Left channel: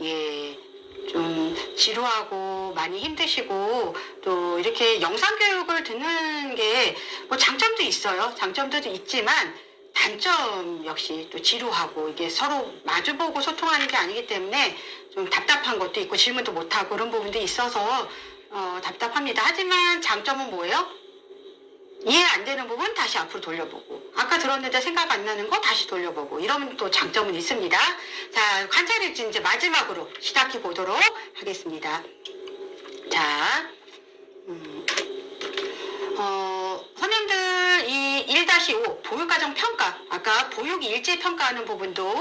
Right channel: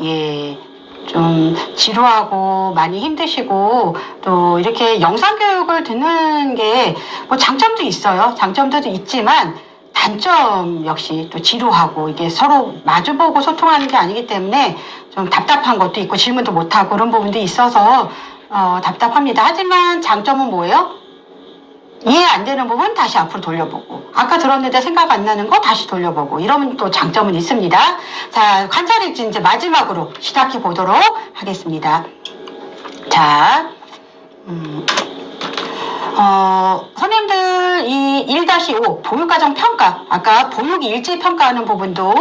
예, 좀 지루하고 많이 힘드시고 또 이렇게 영상 교육을 듣는 게 뭐 장점도 있어요. 장점도 있지만 단점 역시 또 지루하고 이게 서로 마주보고 소통하는 게 아니기 때문에 좀 답답한 것도 있고 질문도 못하고 그런 부분도 있어서 답답합니다. 하지만 장점은 뭐예요? 이해 안 되는 부분 다시 앞으로 돌려보고 아까 들었는데 생각 안 나는 거 다시 돌려보고 이러면 또 장점은 있습니다. 자, 관찰일지 이제 마지막으로 시작해 보도록 하겠습니다. 자, 선생님들 이 1-5 보육과정 평가 아까 보육일지 평가하는 부분도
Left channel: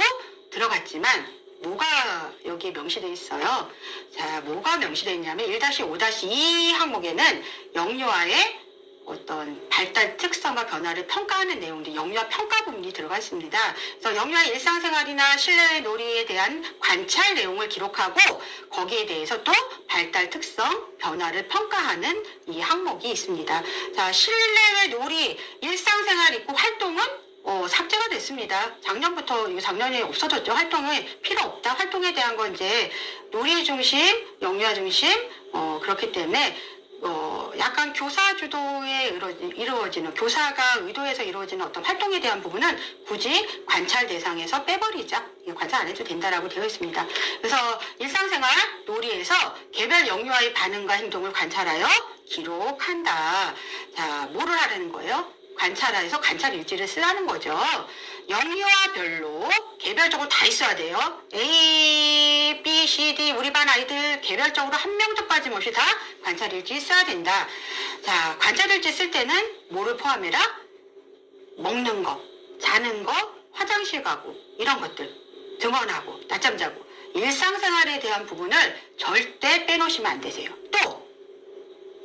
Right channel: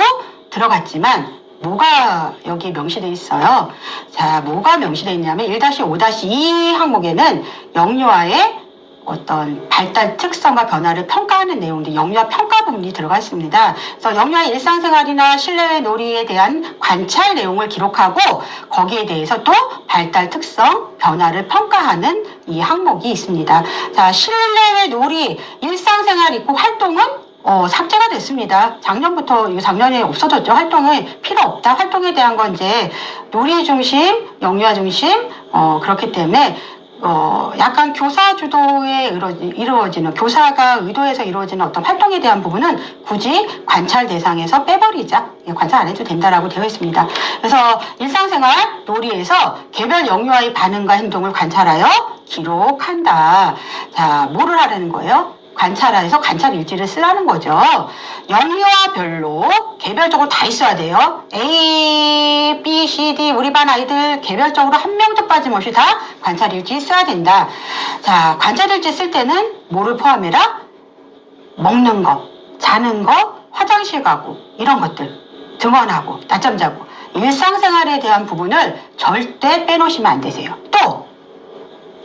들어갔지만 뭐가 여기 명시되어 있어요. 자, 뭐가 명시되어 있냐면 1-5-2 항목에는 영유아의 어떤 발달 특성과 변화를 평가하는 내용들, 영유아 평가 부분이 들어가 있습니다. 그래서 영유아 일상생활이나 실내외 놀이에 대한 관찰 내용을 기록하고 거기에 대해서 또 발달 특성, 변화를 평가하는 이 항목이 있습니다. 자, 실내외 놀이, 일상생활 있고 활동은 삭제가 됐습니다. 작년부터, 작년에 없어졌죠. 활동이 필요 없다. 활동에 대한 건 이제 놀이 중심, 영유아 중심, 그렇기 때문에 약간 교사 주도에 이루어지는, 교사가 의도해서 이루어지는 어떤 활동에 대한 부분은 굳이 관찰 대상에서 빼버리자. 관찰 안 해도 된다라고 되어 있습니다. 그래서 일상생활 놀이에서 개별 영유아의 반응과 행동을 관찰하여 기록한다. 자, 뭐를 하라는 거예요? 관찰해서 관찰 일지를 쓰라는 거죠. 영유아별로 개별적으로 다 있어야 돼요. A, B, C, D 우리 반 아이들 개별적으로 한 명도 빠짐없이 다 관찰 일지 써야 된다. 자, 관찰 일지 쓸 때는 뭐를 포함해라? 먹는 거, 자는 거, 화장실 가고 이런 것들, 등원하고 낮잠 자고 일상생활에 대한 부분을 절대 빼놓으시면 안 되세요. 또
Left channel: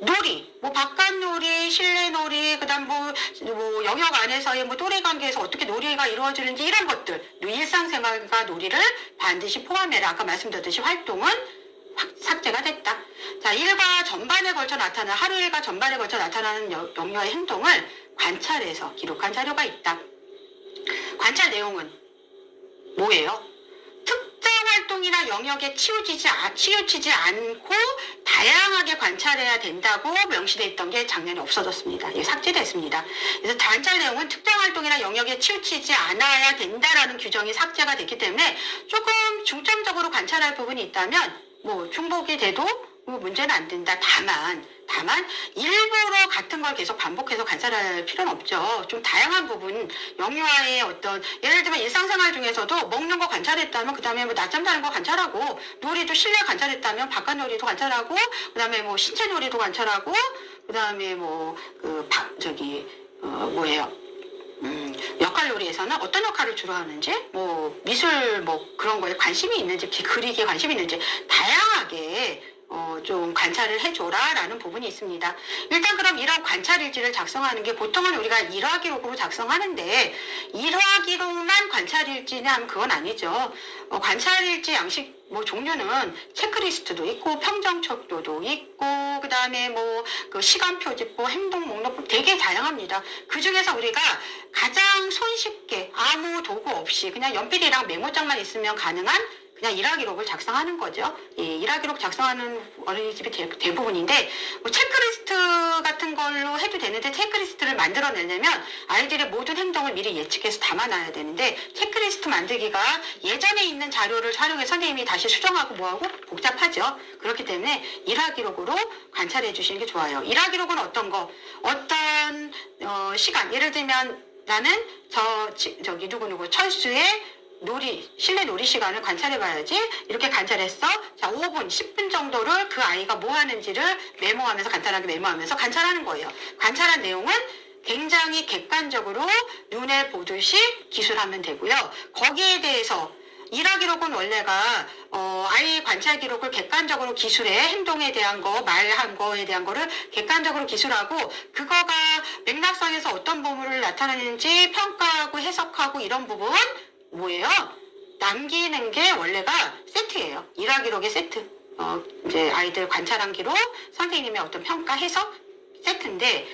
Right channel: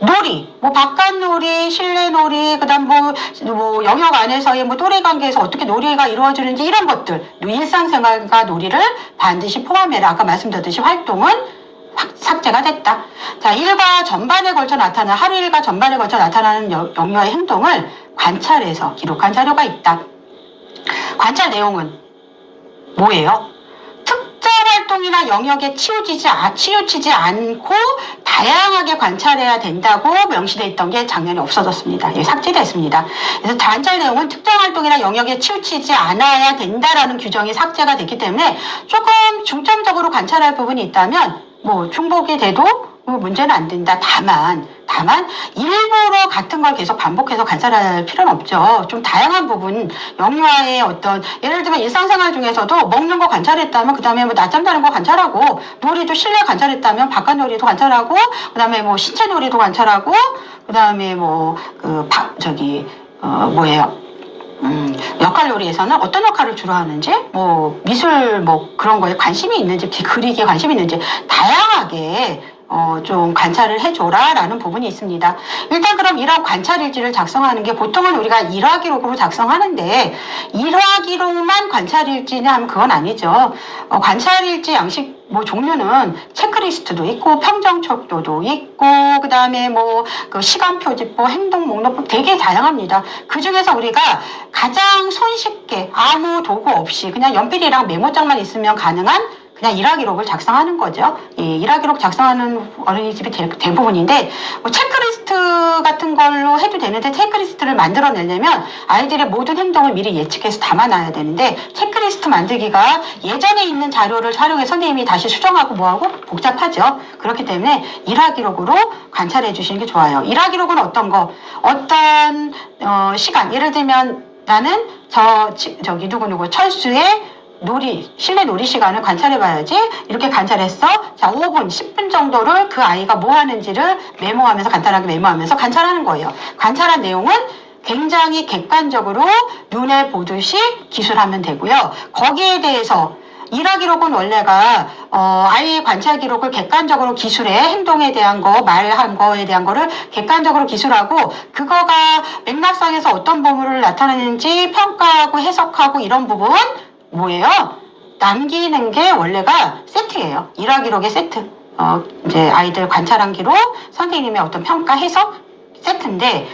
놀이, 뭐 바깥 놀이, 실내 놀이, 그다음 뭐 영역 안에서의 뭐 또래 관계에서 어떻게 놀이가 이루어지는지 이런 것들, 일상생활과 놀이를 반드시 포함해라. 아까 말씀드렸듯이 활동은 삭제가 됐다. 자, 일과 전반에 걸쳐 나타나는 하루 일과 전반에 걸쳐 나타나는 영유아의 행동을 관찰해서 기록한 자료가 있다. 관찰 내용은 뭐예요? 활동이나 영역에 치우치지 않고 다양하게 관찰해야 된다고 명시되어 있던 게 작년에 없어졌습니다. 예, 삭제됐습니다. 그래서 관찰 내용은 특정 활동이나 영역에 치우치지 않아야 된다라는 규정이 삭제가 됐기 때문에 조금 중점적으로 관찰할 부분이 있다면 뭐 중복이 돼도 문제는 안 된다. 다만 일부러 같은 걸 계속 반복해서 관찰할 필요는 없죠. 좀 다양한 부분, 영유아의 어떤 예를 들면 일상생활 중에서도 먹는 거 관찰했다면 그다음에 뭐 낮잠 자는 거 관찰하고 놀이도 실내 관찰했다면 바깥 놀이도 관찰하고 그다음에 뭐 신체 놀이도 관찰하고 그다음에 역할 놀이에서는 어떤 역할을 주로 하는지, 뭐 미술 뭐 그런 거에 관심이 있는지, 그리기에 관심이 있는지 다양하게 좀 관찰을 해줘라 라는 부분이 있습니다. 일단 그럼 이런 관찰 일지를 작성하는 게 보통은 우리가 일화 기록으로 작성하는데 일화 기록만 관찰 일지냐 하면 그건 아니죠. 관찰 일지 양식 뭐 종류는 체크리스트도 있고 평정척도도 있고 그다음에 그 시간 표지법, 행동 목록법 되게 다양합니다. 그 중에서 우리가 가장 손쉽게 아무 도구 없이 그냥 연필이랑 메모장만 있으면 가능한 그냥 일화 기록을 작성하는 거죠. 예, 일화 기록 작성하는 어린이집이 대부분인데 체크리스트 같은 걸로 해도 되는데 체크리스트를 만들어내려면 아이들의 모든 행동을 미리 예측해서 담아놔야 되는데 체크리스트 만들기가 예전에 있는 자료를 활용해 선생님이 다시 수정하고 뭐하고 복잡하죠. 그렇기 때문에 일화 기록으로 관찰해 주시는 게 좋아요. 일화 기록은 어떤 거? 어떤 시간, 예를 들면 나는 저기 누구누구 철수의 실내 놀이 시간을 관찰해봐야지. 이렇게 관찰했어. 자, 5분, 10분 정도를 그 아이가 뭐 하는지를 메모하면서 간단하게 메모하면서 관찰하는 거예요. 관찰한 내용은 굉장히 객관적으로 눈에 보듯이 기술하면 되고요. 거기에 대해서 일화 기록은 원래가 아이의 관찰 기록을 객관적으로 기술해 행동에 대한 거, 말한 거에 대한 거를 객관적으로 기술하고 그거가 맥락상에서 어떤 부분을 나타내는지 평가하고 해석하고 이런 부분 뭐예요? 남기는 게 원래가 세트예요. 일화 기록의 세트. 이제 아이들 관찰한 기록, 선생님의 어떤 평가 해석 세트인데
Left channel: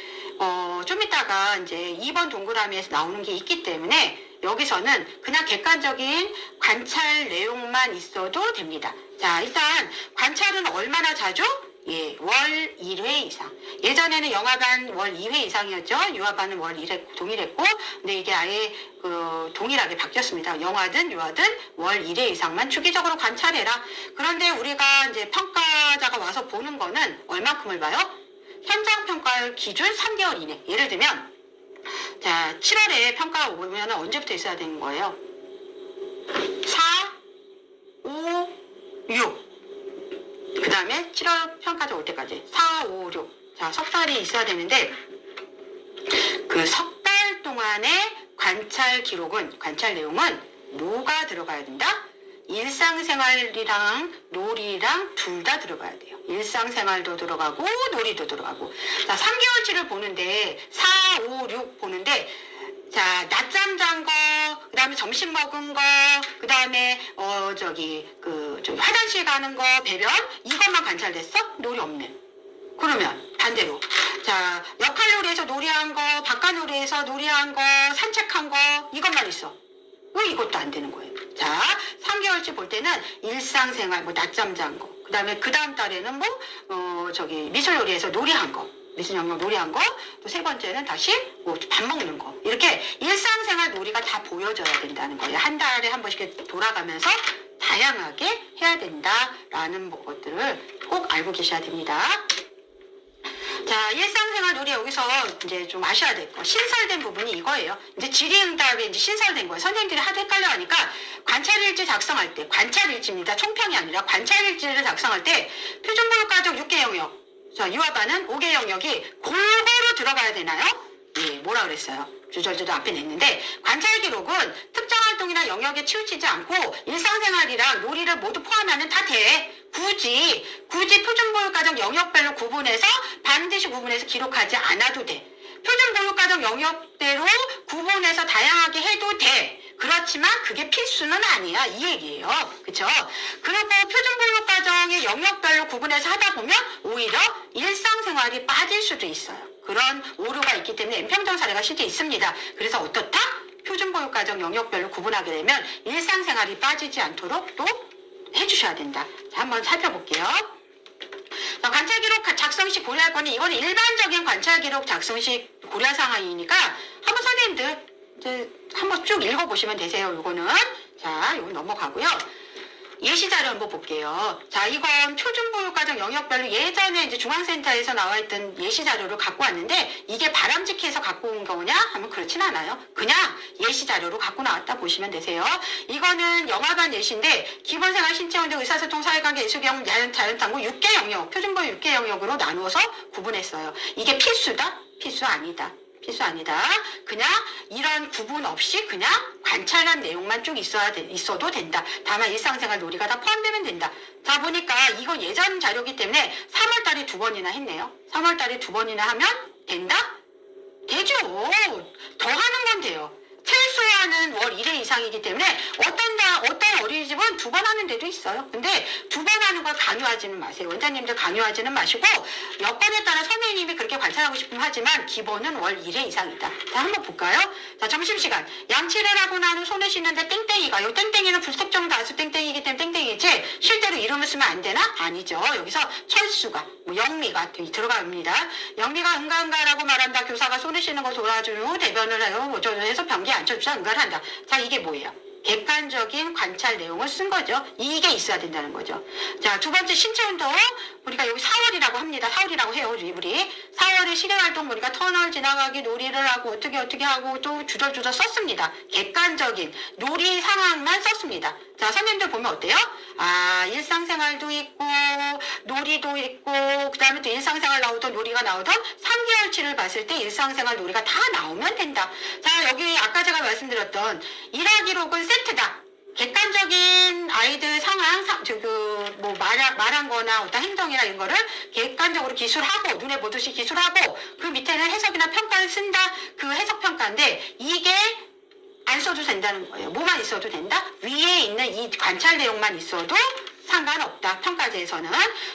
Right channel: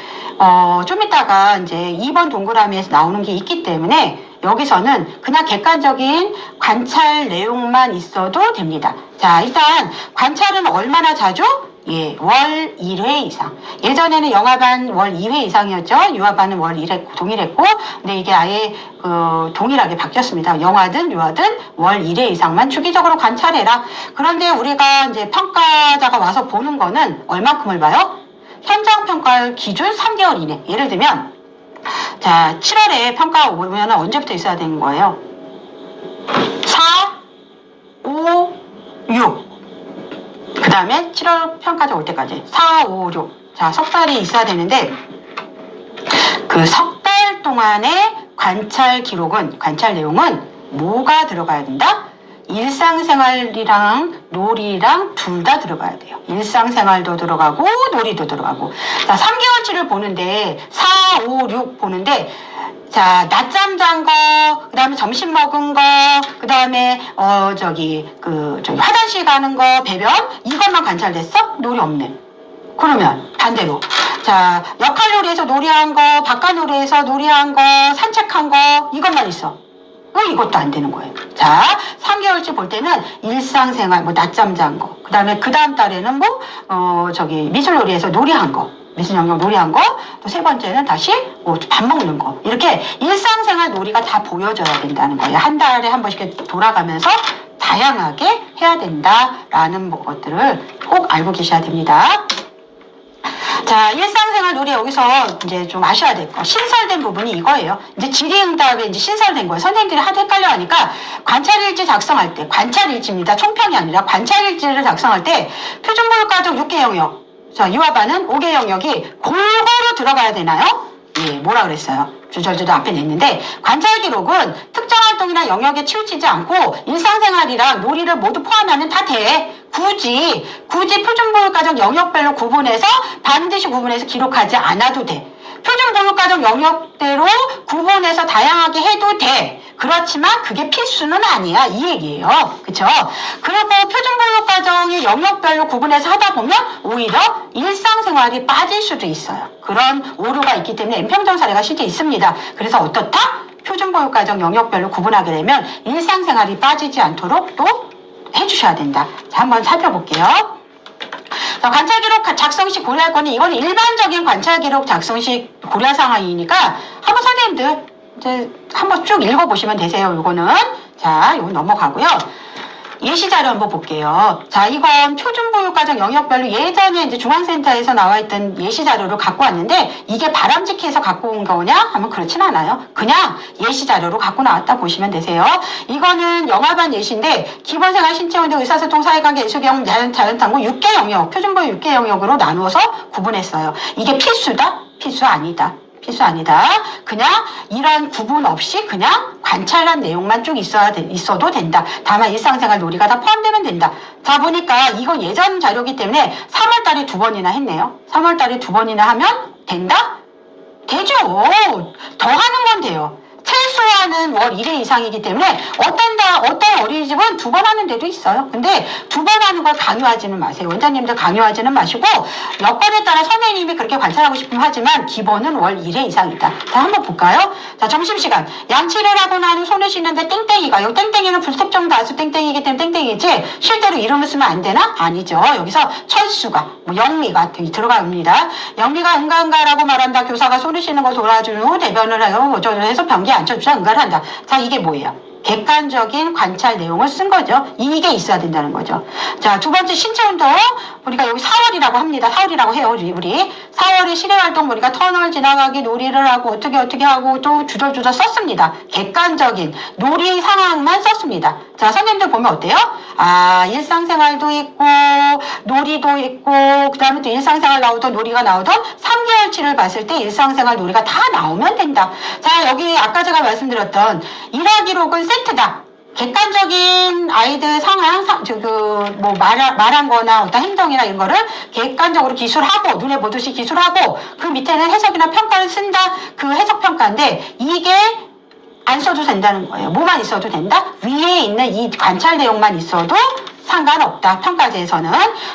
좀 이따가 이제 2번 동그라미에서 나오는 게 있기 때문에 여기서는 그냥 객관적인 관찰 내용만 있어도 됩니다. 자, 일단 관찰은 얼마나 자주? 예, 월 1회 이상. 예전에는 영화반 월 2회 이상이었죠. 유화반은 월 1회 동일했고, 근데 이게 아예 동일하게 바뀌었습니다. 영화든 유화든 월 1회 이상만 주기적으로 관찰해라. 그런데 우리가 이제 평가자가 와서 보는 거는 얼마큼을 봐요? 현장 평가 기준 3개월 이내. 예를 들면, 자, 7월에 평가가 오면 언제부터 있어야 되는 거예요? 4, 5, 6. 그 다음에 7월 평가자 올 때까지 4, 5, 6. 자, 석 달이 있어야 되는데 그 석 달 동안의 관찰 기록은, 관찰 내용은 뭐가 들어가야 된다? 일상생활이랑 놀이랑 둘 다 들어가야 돼요. 일상생활도 들어가고 놀이도 들어가고. 자, 3개월치를 보는데 4, 5, 6 보는데 자, 낮잠 잔 거, 그 다음에 점심 먹은 거, 그 다음에, 화장실 가는 거, 배변, 이것만 관찰됐어? 놀이 없네. 그러면, 반대로. 자, 역할 놀이에서 놀이한 거, 바깥 놀이에서 놀이한 거, 산책한 거, 이것만 있어. 이것도 안 되는 거예요. 자, 3개월치 볼 때는 일상생활, 뭐, 낮잠 잔 거, 그 다음에 그 다음 달에는 미술 놀이에서 놀이한 거, 미술 영역 놀이한 거, 또 세 번째는 다시 밥 먹는 거. 이렇게 일상생활 놀이가 다 보여져야 된다는 거예요. 한 달에 한 번씩 돌아가면서 다양하게 해야 된다라는 것들을 꼭 알고 계셔야 됩니다. 자, 일상생활 놀이 여기서 이제 좀 아셔야 될 거. 신설된 부분이 이거예요. 이제 질의응답에 이제 신설된 거예요. 선생님들이 하도 헷갈려 하니까 관찰일지 작성할 때, 관찰일지입니다. 총평이 아니라 관찰일지를 작성할 때 표준교육과정 6개 영역. 자, 유아반은 5개 영역이 골고루 들어가야 되나요? 예, 뭐라 그랬어요? 주절주도 앞에 냈는데, 관찰 기록은 특정 활동이나 영역에 치우치지 않고 일상생활이랑 놀이를 모두 포함하면 다 돼. 굳이 표준교육과정 영역별로 구분해서 반드시 구분해서 기록하지 않아도 돼. 표준교육과정 영역대로 구분해서 다양하게 해도 돼. 그렇지만 그게 필수는 아니야. 이 얘기예요. 그쵸? 그리고 표준교육과정의 영역별로 구분해서 하다 보면 오히려 일상생활이 빠질 수도 있어요. 그런 오류가 있기 때문에 N평정 사례가 실제 있습니다. 그래서 어떻다? 표준교육과정 영역별로 구분하게 되면 일상생활이 빠지지 않도록 또 해주셔야 된다. 자, 한번 살펴볼게요. 자, 관찰기록 작성 시 고려할 거는 이거는 일반적인 관찰기록 작성 시 고려 사항이니까 한번 선생님들 이제 한번 쭉 읽어보시면 되세요. 이거는 자, 이거 넘어가고요. 예시 자료 한번 볼게요. 자, 이건 표준교육과정 영역별로 예전에 이제 중앙센터에서 나와 있던 예시 자료를 갖고 왔는데 이게 바람직해서 갖고 온 거냐? 하면 그렇진 않아요. 그냥 예시 자료로 갖고 나왔다 보시면 되세요. 이거는 영화반 예시인데 기본생활, 신체운동, 의사소통, 사회관계, 예술경험, 자연탐구 6개 영역, 표준교육 6개 영역으로 나누어서 구분했어요. 이게 필수다? 필수 아니다. 필수 아니다. 그냥 이런 구분 없이 그냥 관찰한 내용만 쭉 있어도 된다. 다만 일상생활 놀이가 다 포함되면 된다. 자, 보니까 이거 예전 자료기 때문에 3월달에 2번이나 했네요. 3월달에 2번이나 하면 된다? 되죠. 더 하는 건 돼요. 최소한은 월 1회 이상이기 때문에 어떤 어린이집은 2번 하는 데도 있어요. 근데 2번 하는 걸 강요하지는 마세요. 원장님들 강요하지는 마시고 여건에 따라 선생님이 그렇게 관찰하고 싶으면 하지만 기본은 월 1회 이상이다. 자, 한번 볼까요? 자, 점심시간. 양치를 하고 난 후 손을 씻는데 땡땡이가, 여기 땡땡이는 불특정 다수 땡땡이기 때문에 땡땡이지 실제로 이름을 쓰면 안 되나? 아니죠. 여기서 철수가, 영미가 들어갑니다. 영미가 응가응가라고 말한다. 교사가 손을 씻는 걸 도와준 후 대변을 하고 어쩌고 해서 변기 앉혀주자 응가를 한다. 자, 이게 뭐예요? 객관적인 관찰 내용을 쓴 거죠. 이게 있어야 된다는 거죠. 자, 두 번째 신체운동 보니까 여기 4월이라고 합니다. 4월이라고 해요. 우리 4월에 실외활동 보니까 터널 지나가기 놀이를 하고 어떻게 하고 또 주저주저 썼습니다. 객관적인 놀이 상황만 썼습니다. 자, 선생님들 보면 어때요? 아, 일상생활도 있고 놀이도 있고 그 다음에 또 일상생활 나오던 놀이가 나오던 3개월치를 봤을 때 일상생활 놀이가 다 나오면 된다. 자, 여기 아까 제가 말씀드렸던 일화기록은 세트다. 객관적인 아이들 상황, 말한 거나 어떤 행동이나 이런 거를 객관적으로 기술하고, 눈에 보듯이 기술하고, 그 밑에는 해석이나 평가를 쓴다. 그 해석평가인데, 이게 안 써도 된다는 거예요. 뭐만 있어도 된다? 위에 있는 이 관찰 내용만 있어도 상관없다. 평가제에서는.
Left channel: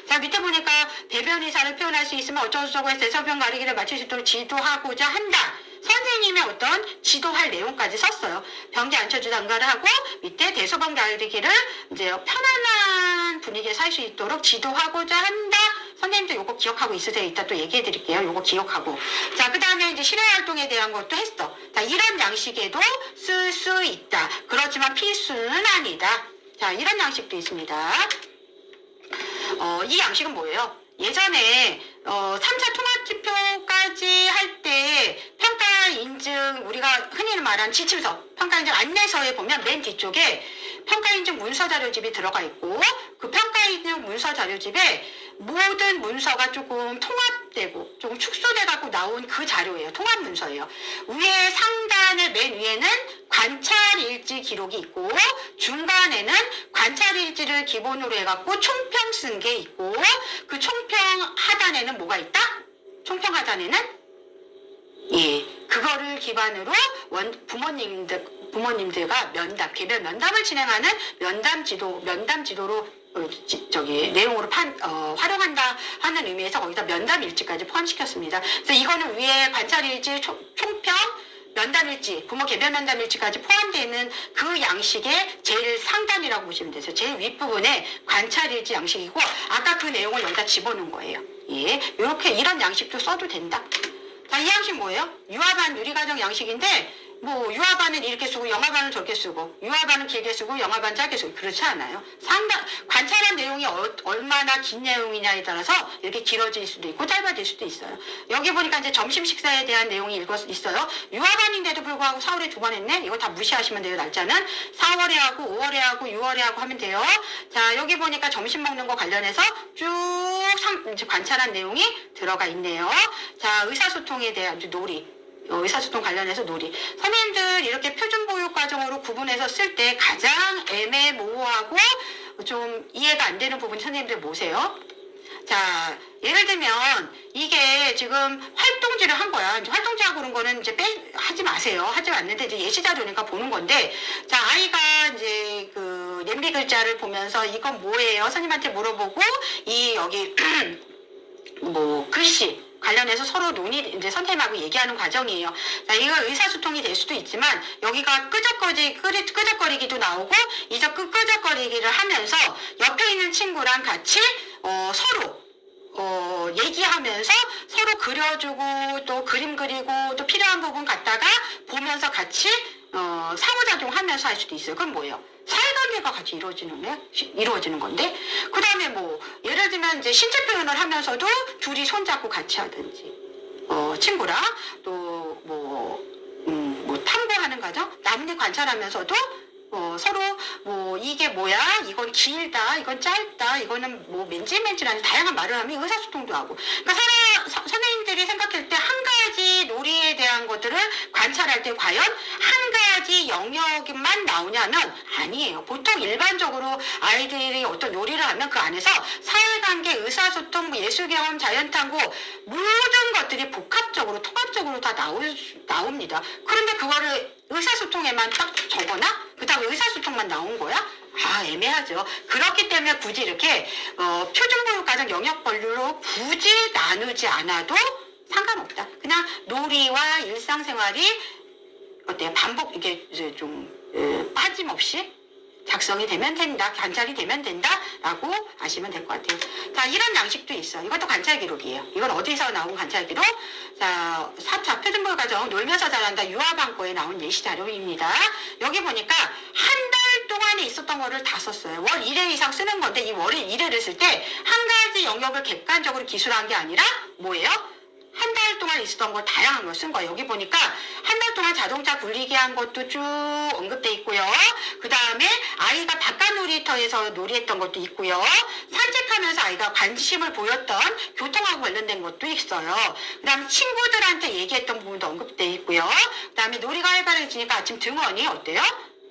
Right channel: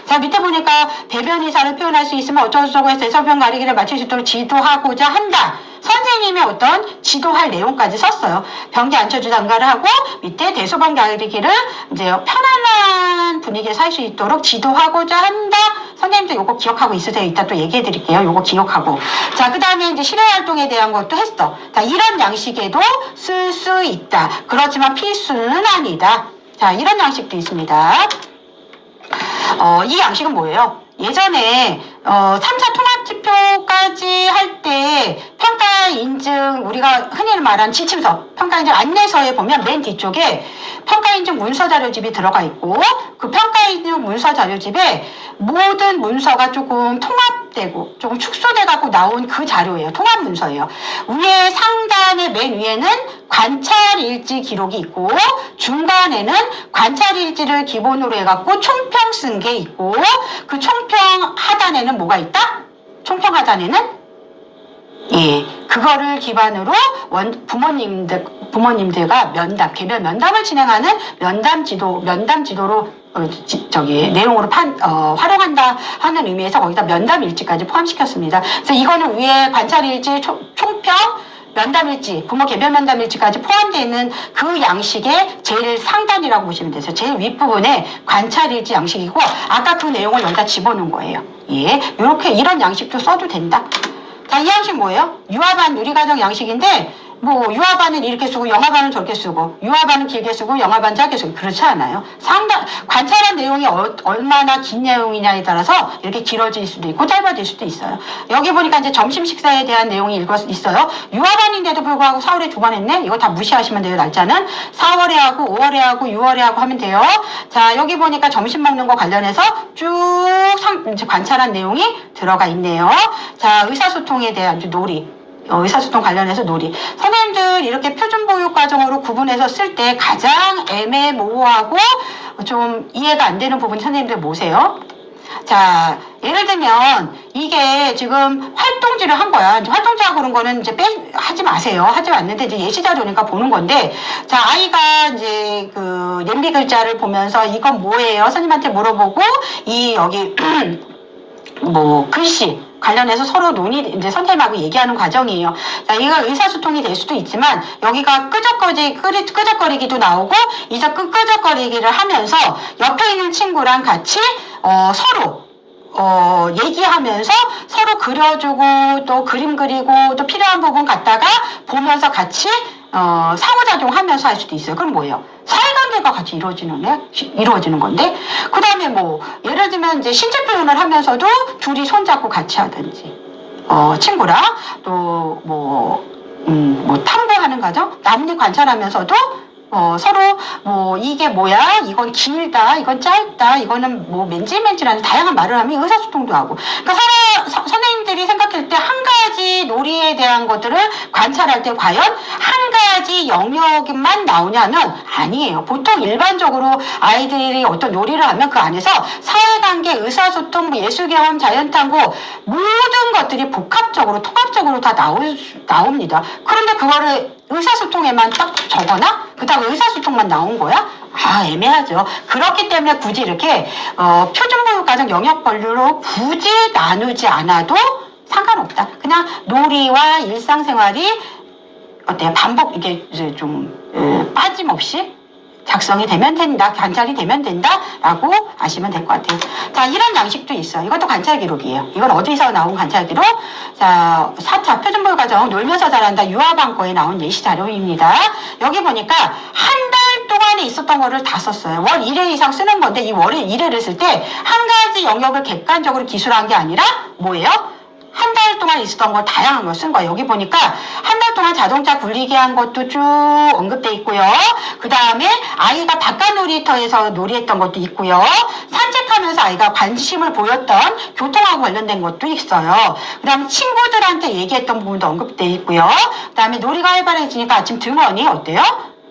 자, 밑에 보니까 배변 의사를 표현할 수 있으면 어쩌고저쩌고 해서 해석평 가리기를 맞출 수 있도록 지도하고자 한다. 선생님의 어떤 지도할 내용까지 썼어요. 변기 안철주 장가를 하고 밑에 대소변 가리기를 이제 편안한 분위기에 살 수 있도록 지도하고자 한다. 선생님도 요거 기억하고 있으세요? 이따 또 얘기해 드릴게요. 요거 기억하고. 자, 그 다음에 이제 실외 활동에 대한 것도 했어. 자, 이런 양식에도 쓸 수 있다. 그렇지만 필수는 아니다. 자, 이런 양식도 있습니다. 이 양식은 뭐예요? 예전에 3차 통합지표까지 할 때 평가 인증, 우리가 흔히 말하는 지침서, 평가 인증 안내서에 보면 맨 뒤쪽에 평가 인증 문서 자료집이 들어가 있고, 그 평가 인증 문서 자료집에 모든 문서가 조금 통합되고 조금 축소돼 갖고 나온 그 자료예요. 통합 문서예요. 위에 상단의 맨 위에는 관찰 일지 기록이 있고, 중간에는 관찰 일지를 기본으로 해갖고 총평 쓴 게 있고, 그 총평 하단에는 뭐가 있다? 총평 하단에는 그거를 기반으로 부모님들과 개별 면담을 진행하는 면담 지도로 내용으로 활용한다 하는 의미에서 거기다 면담 일지까지 포함시켰습니다. 그래서 이거는 위에 관찰 일지, 총평, 면담일지, 부모 개별 면담일지까지 포함되어 있는 그 양식의 제일 상단이라고 보시면 되세요. 제일 윗부분에 관찰일지 양식이고, 아까 그 내용을 여기다 집어넣은 거예요. 이런 양식도 써도 된다. 자, 이 양식 뭐예요? 유아반 누리과정 양식인데, 유아반은 이렇게 쓰고 영아반은 저렇게 쓰고, 유아반은 길게 쓰고 영아반은 짧게 쓰고, 그렇지 않아요. 관찰한 내용이 얼마나 긴 내용이냐에 따라서 이렇게 길어질 수도 있고 짧아질 수도 있어요. 여기 보니까 이제 점심 식사에 대한 내용이 있어요. 유아반인데도 불구하고 4월에 2번 했네? 이거 다 무시하시면 돼요, 날짜는. 4월에 하고 5월에 하고 6월에 하고 하면 돼요. 자, 여기 보니까 점심 먹는 거 관련해서 쭉 관찰한 내용이 들어가 있네요. 자, 의사소통에 대한 놀이. 의사소통 관련해서 놀이. 선생님들 이렇게 표준보육과정으로 구분해서 쓸 때 가장 애매모호하고 좀 이해가 안 되는 부분이 선생님들 뭐세요? 자, 예를 들면 이게 지금 활동지를 한 거야. 활동지하고 그런 거는 이제 하지 마세요. 하지 않는데 이제 예시자료니까 보는 건데, 자, 아이가 이제 그 냄비 글자를 보면서 이건 뭐예요? 선생님한테 물어보고 여기 글씨 관련해서 서로 이제 선생님하고 얘기하는 과정이에요. 자, 이거 의사소통이 될 수도 있지만, 여기가 끄적거리기도 나오고, 이제 끄적거리기를 하면서 옆에 있는 친구랑 같이, 서로, 얘기하면서 서로 그려주고, 또 그림 그리고, 또 필요한 부분 갖다가 보면서 같이, 상호작용하면서 할 수도 있어요. 그럼 뭐예요? 사회관계가 같이 이루어지는 건데, 그 다음에 예를 들면 이제 신체 표현을 하면서도 둘이 손잡고 같이 하든지, 친구랑 또 탐구하는 과정, 남들 관찰하면서도 서로 이게 뭐야? 이건 길다, 이건 짧다, 이거는 맨질맨질한 다양한 말을 하면 의사소통도 하고. 그러니까 선생님들이 생각할 때 한 가지 놀이에 대한 것들을 관찰할 때 과연 한 가지 영역만 나오냐면 아니에요. 보통 일반적으로 아이들이 어떤 놀이를 하면 그 안에서 사회관계, 의사소통, 예술경험, 자연탐구 모든 것들이 복합적으로, 통합적으로 다 나옵니다. 그런데 그거를 의사소통에만 딱 적어놔? 그 다음 의사소통만 나온 거야? 애매하죠. 그렇기 때문에 굳이 이렇게 표준보육과정 영역별로 굳이 나누지 않아도 상관없다. 그냥 놀이와 일상생활이 어때요? 이게 이제 좀 빠짐없이 작성이 되면 된다, 관찰이 되면 된다라고 아시면 될 것 같아요. 자, 이런 양식도 있어요. 이것도 관찰 기록이에요. 이건 어디서 나온 관찰 기록? 자, 4차 표준보육과정 놀면서 잘한다 유아반 거에 나온 예시 자료입니다. 여기 보니까 한 달 동안에 있었던 거를 다 썼어요. 월 1회 이상 쓰는 건데, 이 월에 1회를 쓸 때 한 가지 영역을 객관적으로 기술한 게 아니라 뭐예요? 한 달 동안 있었던 걸 다양한 걸 쓴 거예요. 여기 보니까 한 달 동안 자동차 굴리기 한 것도 쭉 언급돼 있고요. 그 다음에 아이가 바깥 놀이터에서 놀이했던 것도 있고요. 산책하면서 아이가 관심을 보였던 교통하고 관련된 것도 있어요. 그 다음에 친구들한테 얘기했던 부분도 언급돼 있고요. 그 다음에 놀이가 활발해지니까 아침 등원이 어때요?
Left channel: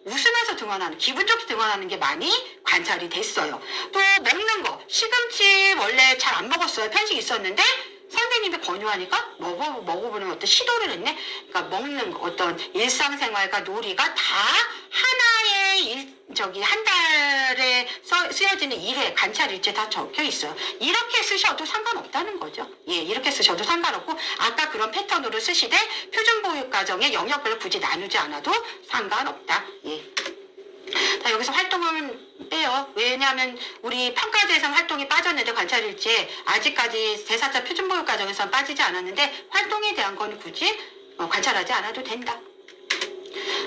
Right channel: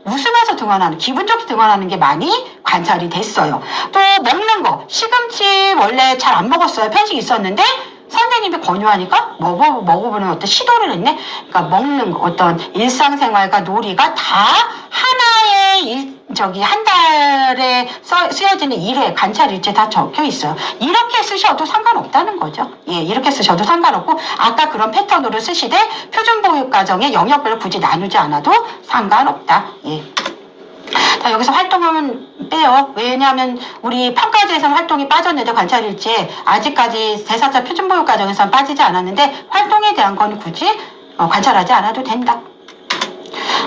웃으면서 등원하는, 기분 좋게 등원하는 게 많이 관찰이 됐어요. 또 먹는 거, 시금치 원래 잘 안 먹었어요. 편식 있었는데 선생님이 권유하니까 먹어보는 어떤 시도를 했네. 그러니까 먹는 거, 어떤 일상생활과 놀이가 다 하나의 한 달에 쓰여지는 일회 관찰일지 다 적혀 있어요. 이렇게 쓰셔도 상관없다는 거죠. 예, 이렇게 쓰셔도 상관없고 아까 그런 패턴으로 쓰시되 표준보육과정의 영역별로 굳이 나누지 않아도 상관없다. 예. 자, 여기서 활동은 빼요. 왜냐하면 우리 평가제에서는 활동이 빠졌는데 관찰일지에 아직까지 제4차 표준보육과정에서는 빠지지 않았는데 활동에 대한 건 굳이 관찰하지 않아도 된다.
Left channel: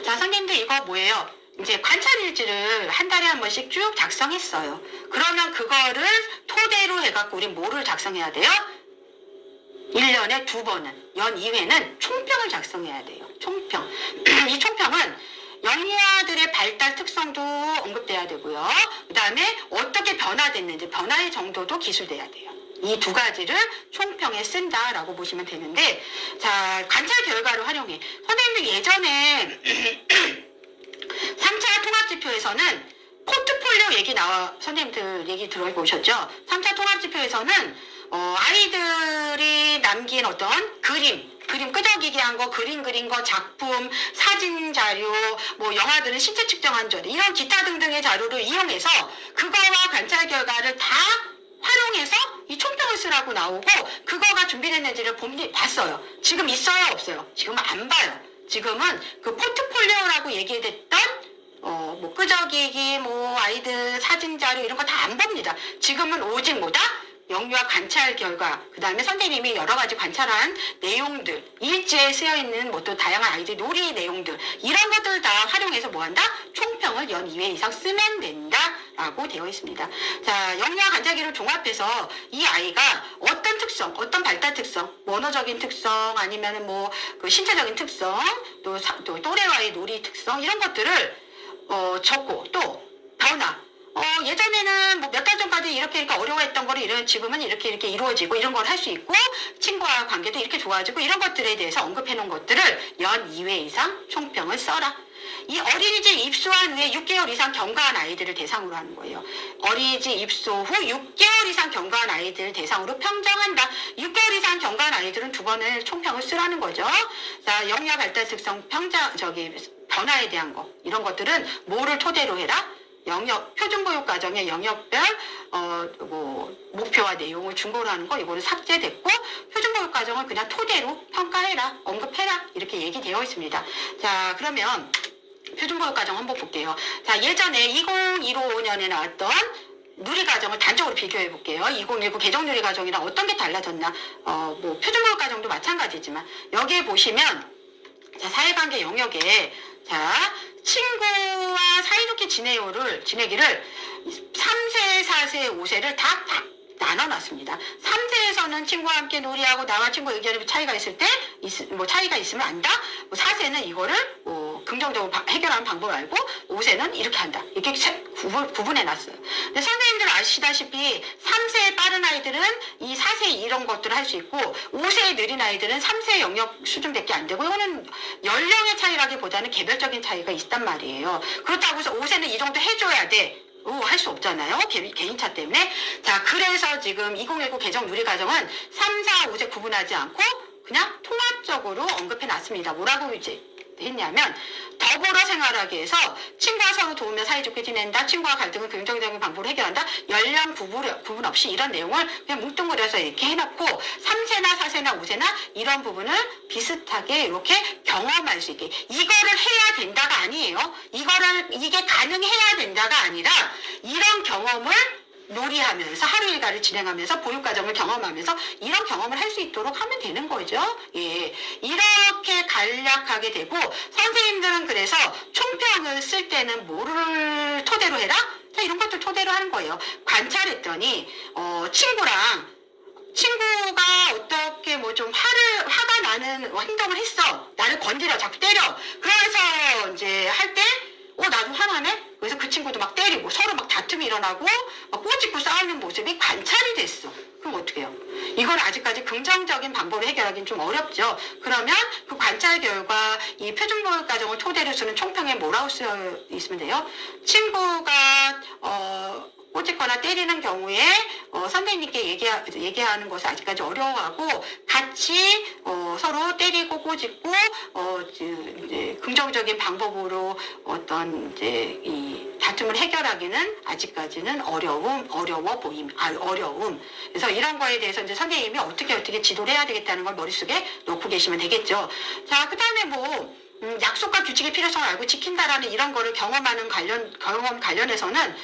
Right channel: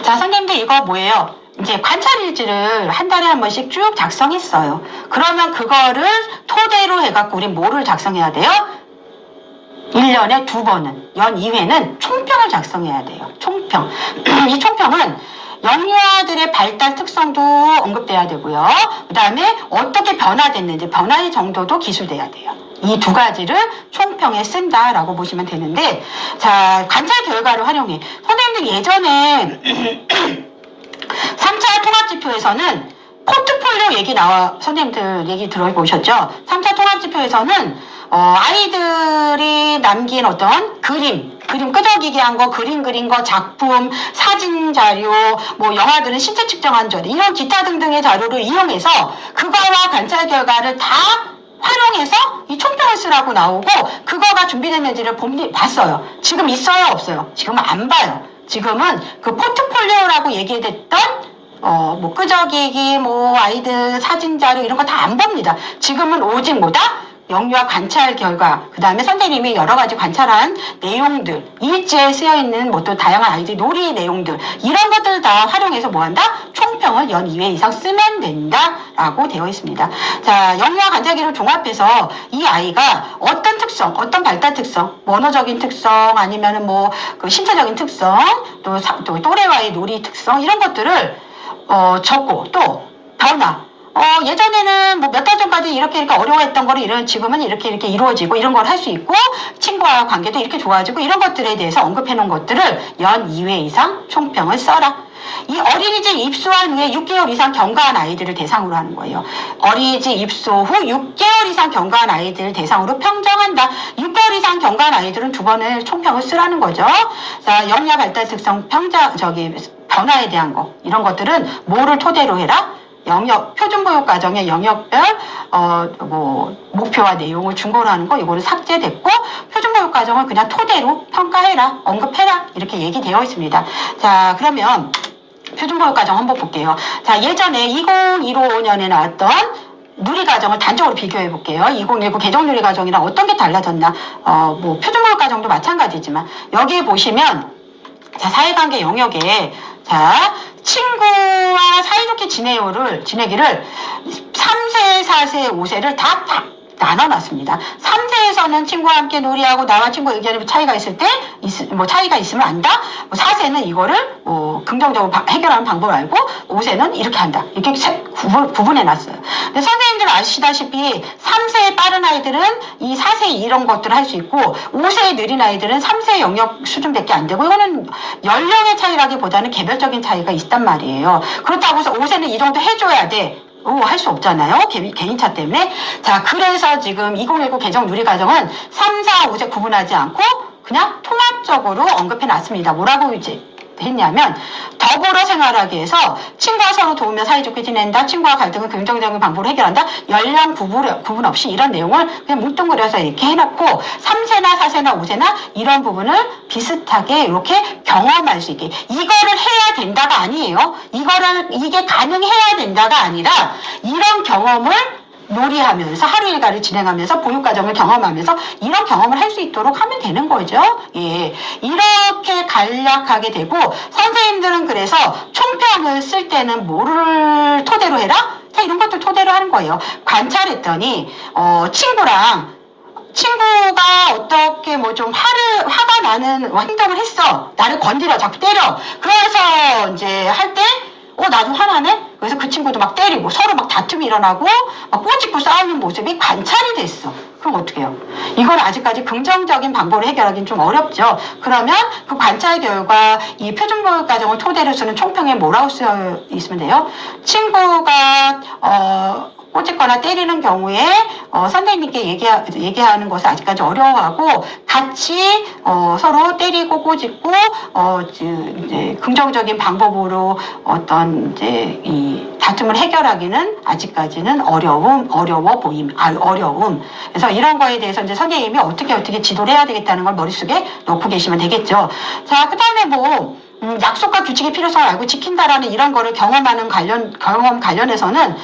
자, 선생님들 이거 뭐예요? 이제 관찰일지를 한 달에 한 번씩 쭉 작성했어요. 그러면 그거를 토대로 해갖고 우리 뭐를 작성해야 돼요? 1년에 2번은, 연 2회는 총평을 작성해야 돼요. 총평. 이 총평은 영유아들의 발달 특성도 언급돼야 되고요. 그 다음에 어떻게 변화됐는지, 변화의 정도도 기술돼야 돼요. 이 두 가지를 총평에 쓴다라고 보시면 되는데, 자, 관찰 결과를 활용해. 선생님들 예전에 3차 통합지표에서는 포트폴리오 얘기 선생님들 얘기 들어보셨죠? 3차 통합지표에서는 아이들이 남긴 어떤 그림 끄적이게 한 거, 그림 그린 거, 작품, 사진 자료, 뭐 영화들은 신체 측정한 자료, 이런 기타 등등의 자료를 이용해서 그거와 관찰 결과를 다 활용해서 이 총평을 쓰라고 나오고 그거가 준비됐는지를 봤어요. 지금 있어요, 없어요? 지금은 안 봐요. 지금은 그 포트폴리오라고 얘기했던 뭐 끄적이기, 뭐 아이들 사진 자료 이런 거 다 안 봅니다. 지금은 오직 뭐다? 영유아 관찰 결과, 그 다음에 선생님이 여러 가지 관찰한 내용들, 일지에 쓰여있는 뭐 또 다양한 아이들 놀이 내용들, 이런 것들 다 활용해서 뭐 한다? 총평을 연 2회 이상 쓰면 된다 라고 되어 있습니다. 자, 영유아 관찰기를 종합해서 이 아이가 어떤 특성, 어떤 발달 특성, 언어적인 특성, 아니면은 뭐 그 신체적인 특성, 또 또래와의 놀이 특성, 이런 것들을 적고, 또 변화, 예전에는 뭐 몇 달 전까지 이렇게 어려워했던 거를 지금은 이렇게 이루어지고 이런 걸 할 수 있고 친구와 관계도 이렇게 좋아지고 이런 것들에 대해서 언급해 놓은 것들을 연 2회 이상 총평을 써라. 이 어린이집 입소한 후에 6개월 이상 경과한 아이들을 대상으로 하는 거예요. 어린이집 입소 후 6개월 이상 경과한 아이들을 대상으로 평정한다. 6개월 이상 경과한 아이들은 2번을 총평을 쓰라는 거죠. 자, 영유아 발달 특성 변화에 대한 거, 이런 것들은 뭐를 토대로 해라? 표준보육과정의 영역별 목표와 내용을 중거로 하는 거, 이거는 삭제됐고 표준보육과정을 그냥 토대로 평가해라, 언급해라, 이렇게 얘기되어 있습니다. 자, 그러면 표준보육과정 한번 볼게요. 자, 예전에 2015년에 나왔던 누리과정을 단적으로 비교해 볼게요. 2019 개정누리과정이랑 어떤 게 달라졌나? 뭐 표준보육과정도 마찬가지지만 여기에 보시면 자, 사회관계 영역에 자, 친구와 사이좋게 지내기를 3세, 4세, 5세를 다 나눠놨습니다. 3세에서는 친구와 함께 놀이하고 나와 친구 의견에 차이가 있을 때, 차이가 있으면 안다? 4세는 이거를 긍정적으로 해결하는 방법을 알고, 5세는 이렇게 한다. 이렇게 구분해놨어요. 근데 선생님들 아시다시피 3세의 빠른 아이들은 이 4세 이런 것들을 할 수 있고, 5세의 느린 아이들은 3세 영역 수준밖에 안 되고, 이거는 연령의 차이라기보다는 개별적인 차이가 있단 말이에요. 그렇다고 해서 5세는 이 정도 해줘야 돼. 할 수 없잖아요. 개인차 때문에. 자, 그래서 지금 2019 개정 누리과정은 3, 4, 5세 구분하지 않고 그냥 통합적으로 언급해 놨습니다. 뭐라고 이제 했냐면, 더불어 생활하기 위해서 친구와 서로 도우며 사이좋게 지낸다, 친구와 갈등을 긍정적인 방법으로 해결한다, 연령 구분 없이 이런 내용을 그냥 뭉뚱그려서 이렇게 해놓고 3세나 4세나 5세나 이런 부분을 비슷하게 이렇게 경험할 수 있게, 이거를 해야 된다가 아니에요. 이게 가능해야 된다가 아니라 이런 경험을 놀이하면서 하루 일과를 진행하면서 보육과정을 경험하면서 이런 경험을 할 수 있도록 하면 되는 거죠. 예, 이렇게 간략하게 되고, 선생님들은 그래서 총평을 쓸 때는 뭐를 토대로 해라? 자, 이런 것들 토대로 하는 거예요. 관찰했더니 친구가 어떻게 뭐 좀 화가 나는 행동을 했어. 나를 건드려, 자꾸 때려. 그래서 이제 할 때 나도 화나네? 그래서 그 친구도 막 때리고 서로 막 다툼이 일어나고 막 꼬집고 싸우는 모습이 관찰이 됐어. 그럼 어떻게 해요? 이걸 아직까지 긍정적인 방법으로 해결하기는 좀 어렵죠. 그러면 그 관찰 결과 이 표준보육과정을 토대로 쓰는 총평에 뭐라고 쓰여 있으면 돼요? 친구가 꼬집거나 때리는 경우에 선생님께 얘기하는 것을 아직까지 어려워하고 같이 서로 때리고 꼬집고 이제 긍정적인 방법으로 어떤 이제 이 다툼을 해결하기는 아직까지는 어려워 보임. 어려움. 그래서 이런 거에 대해서 이제 선생님이 어떻게 지도를 해야 되겠다는 걸 머릿속에 놓고 계시면 되겠죠. 자, 그 다음에 뭐 약속과 규칙의 필요성을 알고 지킨다라는 이런 거를 경험 관련해서는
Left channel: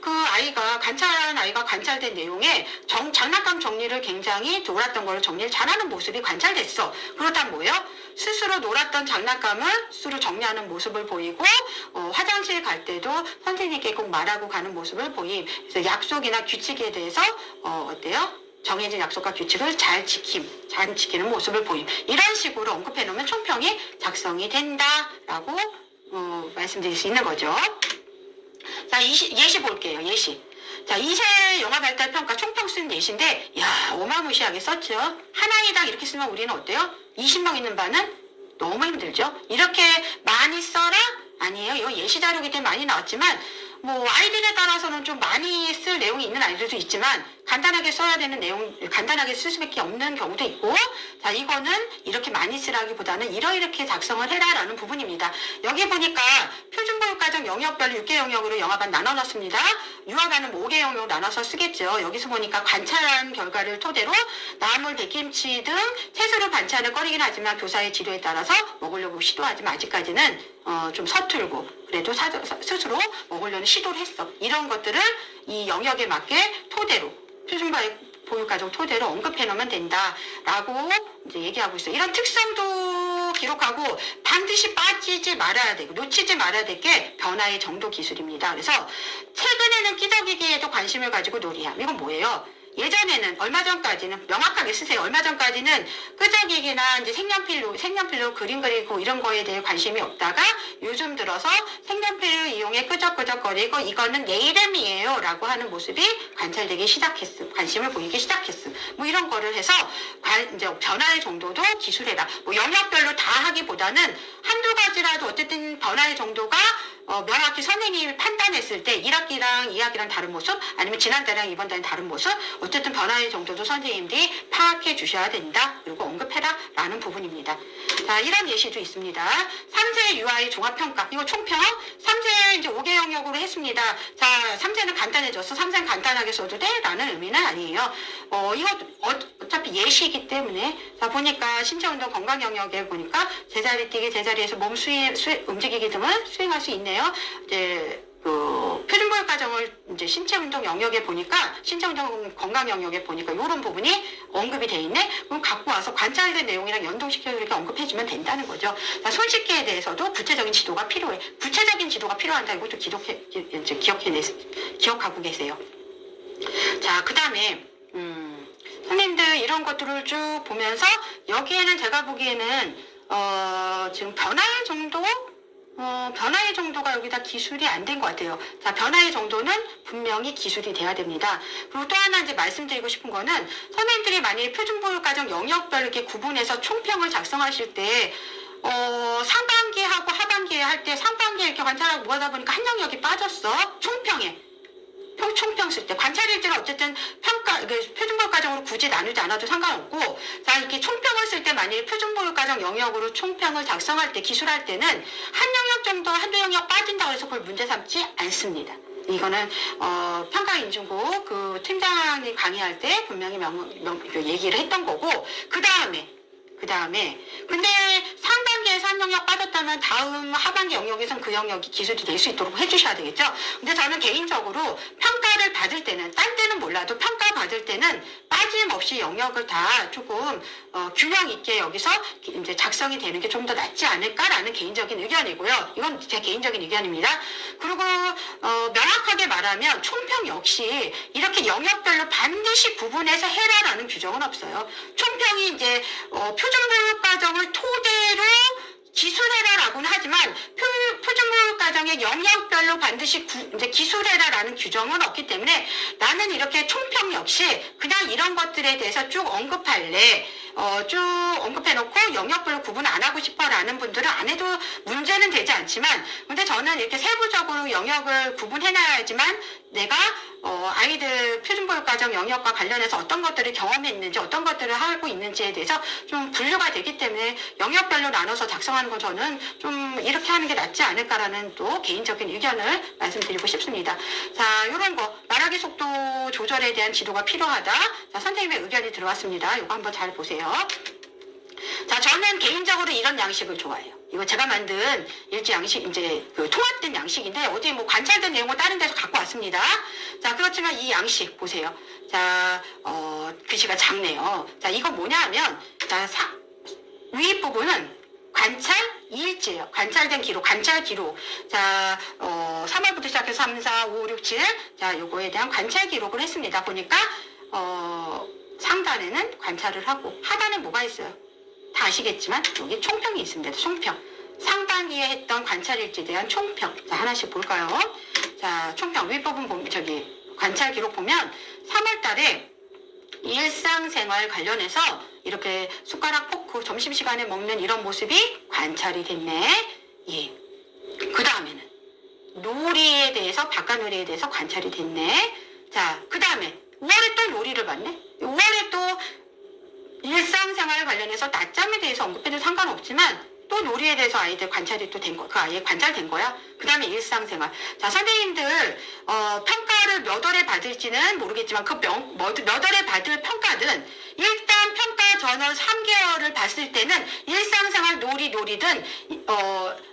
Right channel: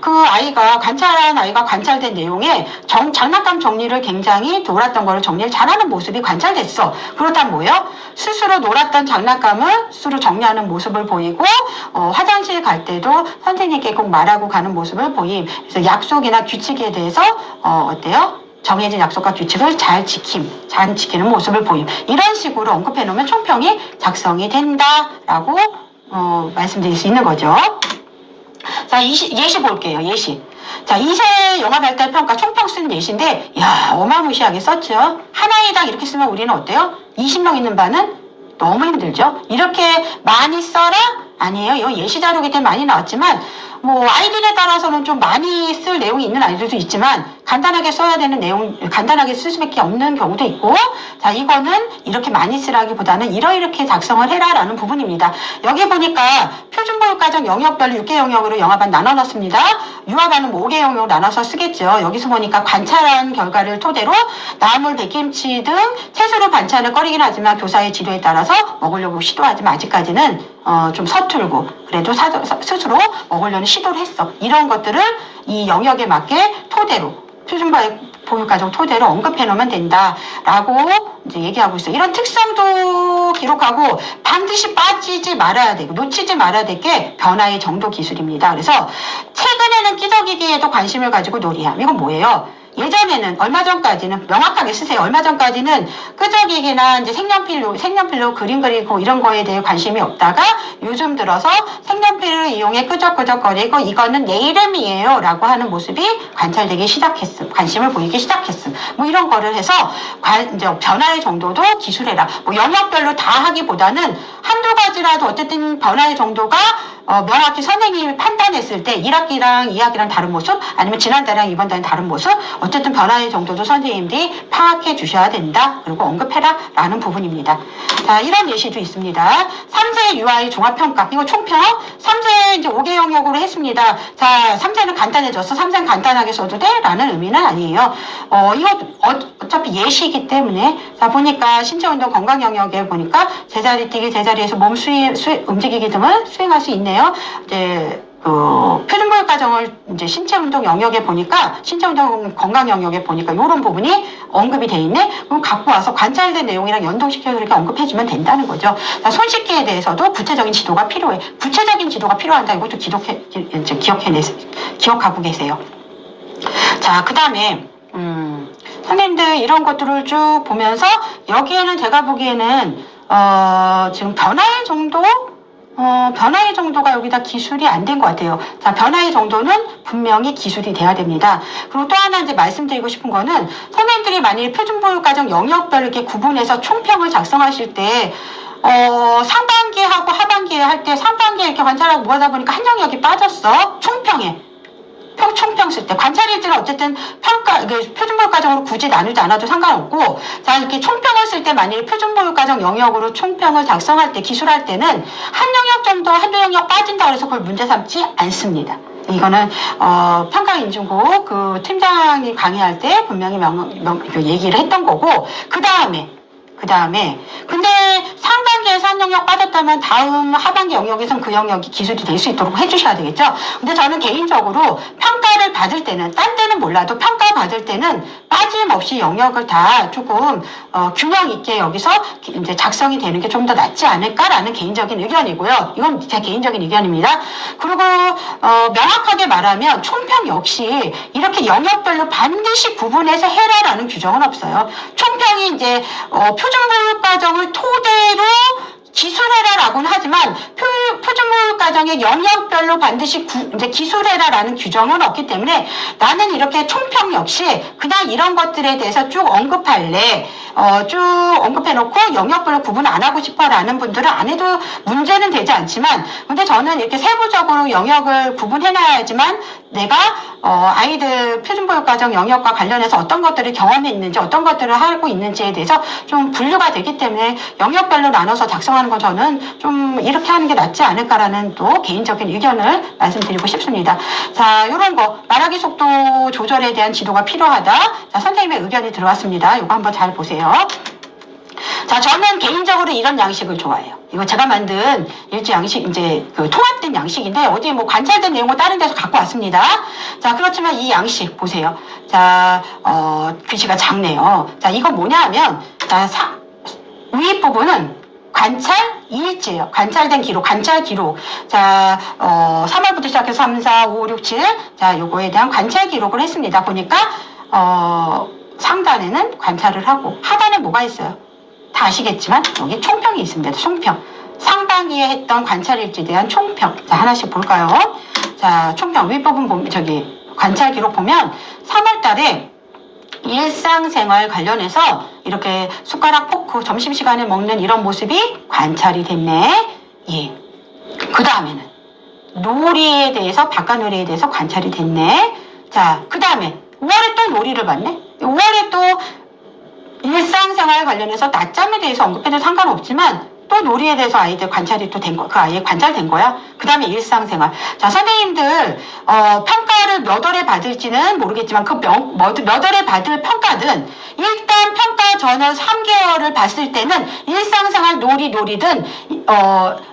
그 아이가 관찰된 내용에 장난감 정리를 굉장히 놀았던 거를 정리를 잘하는 모습이 관찰됐어. 그렇다면 뭐예요? 스스로 놀았던 장난감을 스스로 정리하는 모습을 보이고 화장실 갈 때도 선생님께 꼭 말하고 가는 모습을 보임. 그래서 약속이나 규칙에 대해서 어때요? 정해진 약속과 규칙을 잘 지키는 모습을 보임. 이런 식으로 언급해 놓으면 총평이 작성이 된다라고 말씀드릴 수 있는 거죠. 자, 예시 볼게요. 예시. 자, 2세 영화 발달 평가 총평 쓴 예시인데, 야, 어마무시하게 썼죠. 한 아이당 이렇게 쓰면 우리는 어때요? 20명 있는 반은 너무 힘들죠. 이렇게 많이 써라? 아니에요. 이거 예시 자료기 때문에 많이 나왔지만, 뭐 아이들에 따라서는 좀 많이 쓸 내용이 있는 아이들도 있지만 간단하게 써야 되는 내용, 간단하게 쓸 수밖에 없는 경우도 있고, 자, 이거는 이렇게 많이 쓰라기보다는 이렇게 작성을 해라라는 부분입니다. 여기 보니까 표준교육과정 영역별로 6개 영역으로 영화반 나눠놨습니다. 유아반은 5개 영역으로 나눠서 쓰겠죠. 여기서 보니까 관찰한 결과를 토대로 나물, 백김치 등 채소로 반찬을 꺼리긴 하지만 교사의 지도에 따라서 먹으려고 시도하지만 아직까지는 좀 서툴고 그래도 스스로 먹으려는 시도를 했어. 이런 것들을 이 영역에 맞게 토대로 표준교육과정 토대로 언급해 놓으면 된다라고 이제 얘기하고 있어요. 이런 특성도 기록하고 반드시 빠지지 말아야 되고 놓치지 말아야 될 게 변화의 정도 기술입니다. 그래서 최근에는 끼덕이기에도 관심을 가지고 놀이함. 이건 뭐예요? 예전에는 얼마 전까지는 명확하게 쓰세요. 얼마 전까지는 끄적이기나 이제 색연필로 그림 그리고 이런 거에 대해 관심이 없다가 요즘 들어서 색연필을 이용해 끄적끄적거리고 이거는 내 이름이에요 라고 하는 모습이 관찰되기 시작했음. 관심을 보이기 시작했음. 뭐 이런 거를 해서 이제 변화의 정도도 기술해라. 뭐 영역별로 다 하기보다는 한두 가지라도 어쨌든 변화의 정도가 명확히 선생님이 판단했을 때 1학기랑 2학기랑 다른 모습 아니면 지난달이랑 이번 달은 다른 모습 어쨌든 변화의 정도도 선생님들이 파악해 주셔야 된다. 그리고 언급해라 라는 부분입니다. 자, 이런 예시도 있습니다. 3세 UI 종합평가 이거 총평 3세 이제 5개 영역으로 했습니다. 자, 3세는 간단해졌어. 3세는 간단하게 써도 돼? 라는 의미는 아니에요. 이거 어차피 예시이기 때문에 자, 보니까 신체운동 건강 영역에 보니까 제자리 뛰기 제자리에서 몸 움직이기 등을 수행할 수 있네요. 이제 표준교육과정을 이제 신체운동 영역에 보니까 신체운동 건강 영역에 보니까 이런 부분이 언급이 돼 있네. 그럼 갖고 와서 관찰된 내용이랑 연동시켜서 이렇게 언급해주면 된다는 거죠. 자, 손씻기에 대해서도 구체적인 지도가 필요해. 구체적인 지도가 필요한다. 이것도 기억하고 계세요. 자, 그 다음에 선생님들 이런 것들을 쭉 보면서 여기에는 제가 보기에는 지금 변화의 정도가 여기다 기술이 안 된 것 같아요. 자, 변화의 정도는 분명히 기술이 돼야 됩니다. 그리고 또 하나 이제 말씀드리고 싶은 거는 선생님들이 만약에 표준교육과정 영역별로 이렇게 구분해서 총평을 작성하실 때 상반기하고 하반기에 할 때 상반기에 이렇게 관찰하고 뭐 하다 보니까 한 영역이 빠졌어. 총평에. 총평 쓸 때 관찰일지는 어쨌든 표준교육과정으로 굳이 나누지 않아도 상관없고 자 이렇게 총평을 쓸 때 만약에 표준교육과정 영역으로 총평을 작성할 때 기술할 때는 한 영역 정도 한두 영역 빠진다고 해서 그걸 문제 삼지 않습니다. 이거는 평가인증국 그 팀장이 강의할 때 분명히 얘기를 했던 거고 그 다음에 근데 상반기에서 한 영역 빠졌다면 다음 하반기 영역에서는 그 영역이 기술이 될 수 있도록 해주셔야 되겠죠. 근데 저는 개인적으로 평가를 받을 때는 딴 데는 몰라도 평가 받을 때는 빠짐없이 영역을 다 조금 균형 있게 여기서 이제 작성이 되는 게 좀 더 낫지 않을까라는 개인적인 의견이고요. 이건 제 개인적인 의견입니다. 그리고 명확하게 말하면 총평 역시 이렇게 영역별로 반드시 구분해서 해라라는 규정은 없어요. 총평이 이제 표준교육과정을 토대로 기술해라라고는 하지만 표준교육과정의 영역별로 반드시 이제 기술해라라는 규정은 없기 때문에 나는 이렇게 총평 역시 그냥 이런 것들에 대해서 쭉 언급할래. 쭉 언급해놓고 영역별로 구분 안 하고 싶어라는 분들은 안 해도 문제는 되지 않지만 근데 저는 이렇게 세부적으로 영역을 구분해놔야지만 내가 아이들 표준교육과정 영역과 관련해서 어떤 것들을 경험했는지 어떤 것들을 하고 있는지에 대해서 좀 분류가 되기 때문에 영역별로 나눠서 작성하는 건 저는 좀 이렇게 하는 게 낫지 않을까라는 또 개인적인 의견을 말씀드리고 싶습니다. 자, 이런 거 말하기 속도 조절에 대한 지도가 필요하다. 자, 선생님의 의견이 들어왔습니다. 이거 한번 잘 보세요. 자, 저는 개인적으로 이런 양식을 좋아해요. 이거 제가 만든 일지 양식, 이제 그 통합된 양식인데, 어디 뭐 관찰된 내용을 다른 데서 갖고 왔습니다. 자, 그렇지만 이 양식 보세요. 자, 글씨가 작네요. 자, 이거 뭐냐 하면, 자, 위 부분은 관찰 일지예요. 관찰된 기록, 관찰 기록. 자, 3월부터 시작해서 3, 4, 5, 6, 7. 자, 요거에 대한 관찰 기록을 했습니다. 보니까, 상단에는 관찰을 하고, 하단에 뭐가 있어요? 다 아시겠지만 여기 총평이 있습니다. 총평. 상반기에 했던 관찰일지에 대한 총평. 자, 하나씩 볼까요? 자, 총평 윗부분 보면 저기 관찰 기록 보면 3월 달에 일상생활 관련해서 이렇게 숟가락 포크 점심시간에 먹는 이런 모습이 관찰이 됐네. 예. 그 다음에는 놀이에 대해서 바깥놀이에 대해서 관찰이 됐네. 자, 그 다음에 5월에 또 놀이를 봤네. 5월에 또 일상생활 관련해서 낮잠에 대해서 언급해도 상관없지만 또 놀이에 대해서 아이들 관찰이 또 된 거, 그 아이의 관찰된 거야. 그 다음에 일상생활. 자, 선생님들 평가를 몇 월에 받을지는 모르겠지만 몇 월에 받을 평가든 일단 평가 전후 3개월을 봤을 때는 일상생활 놀이든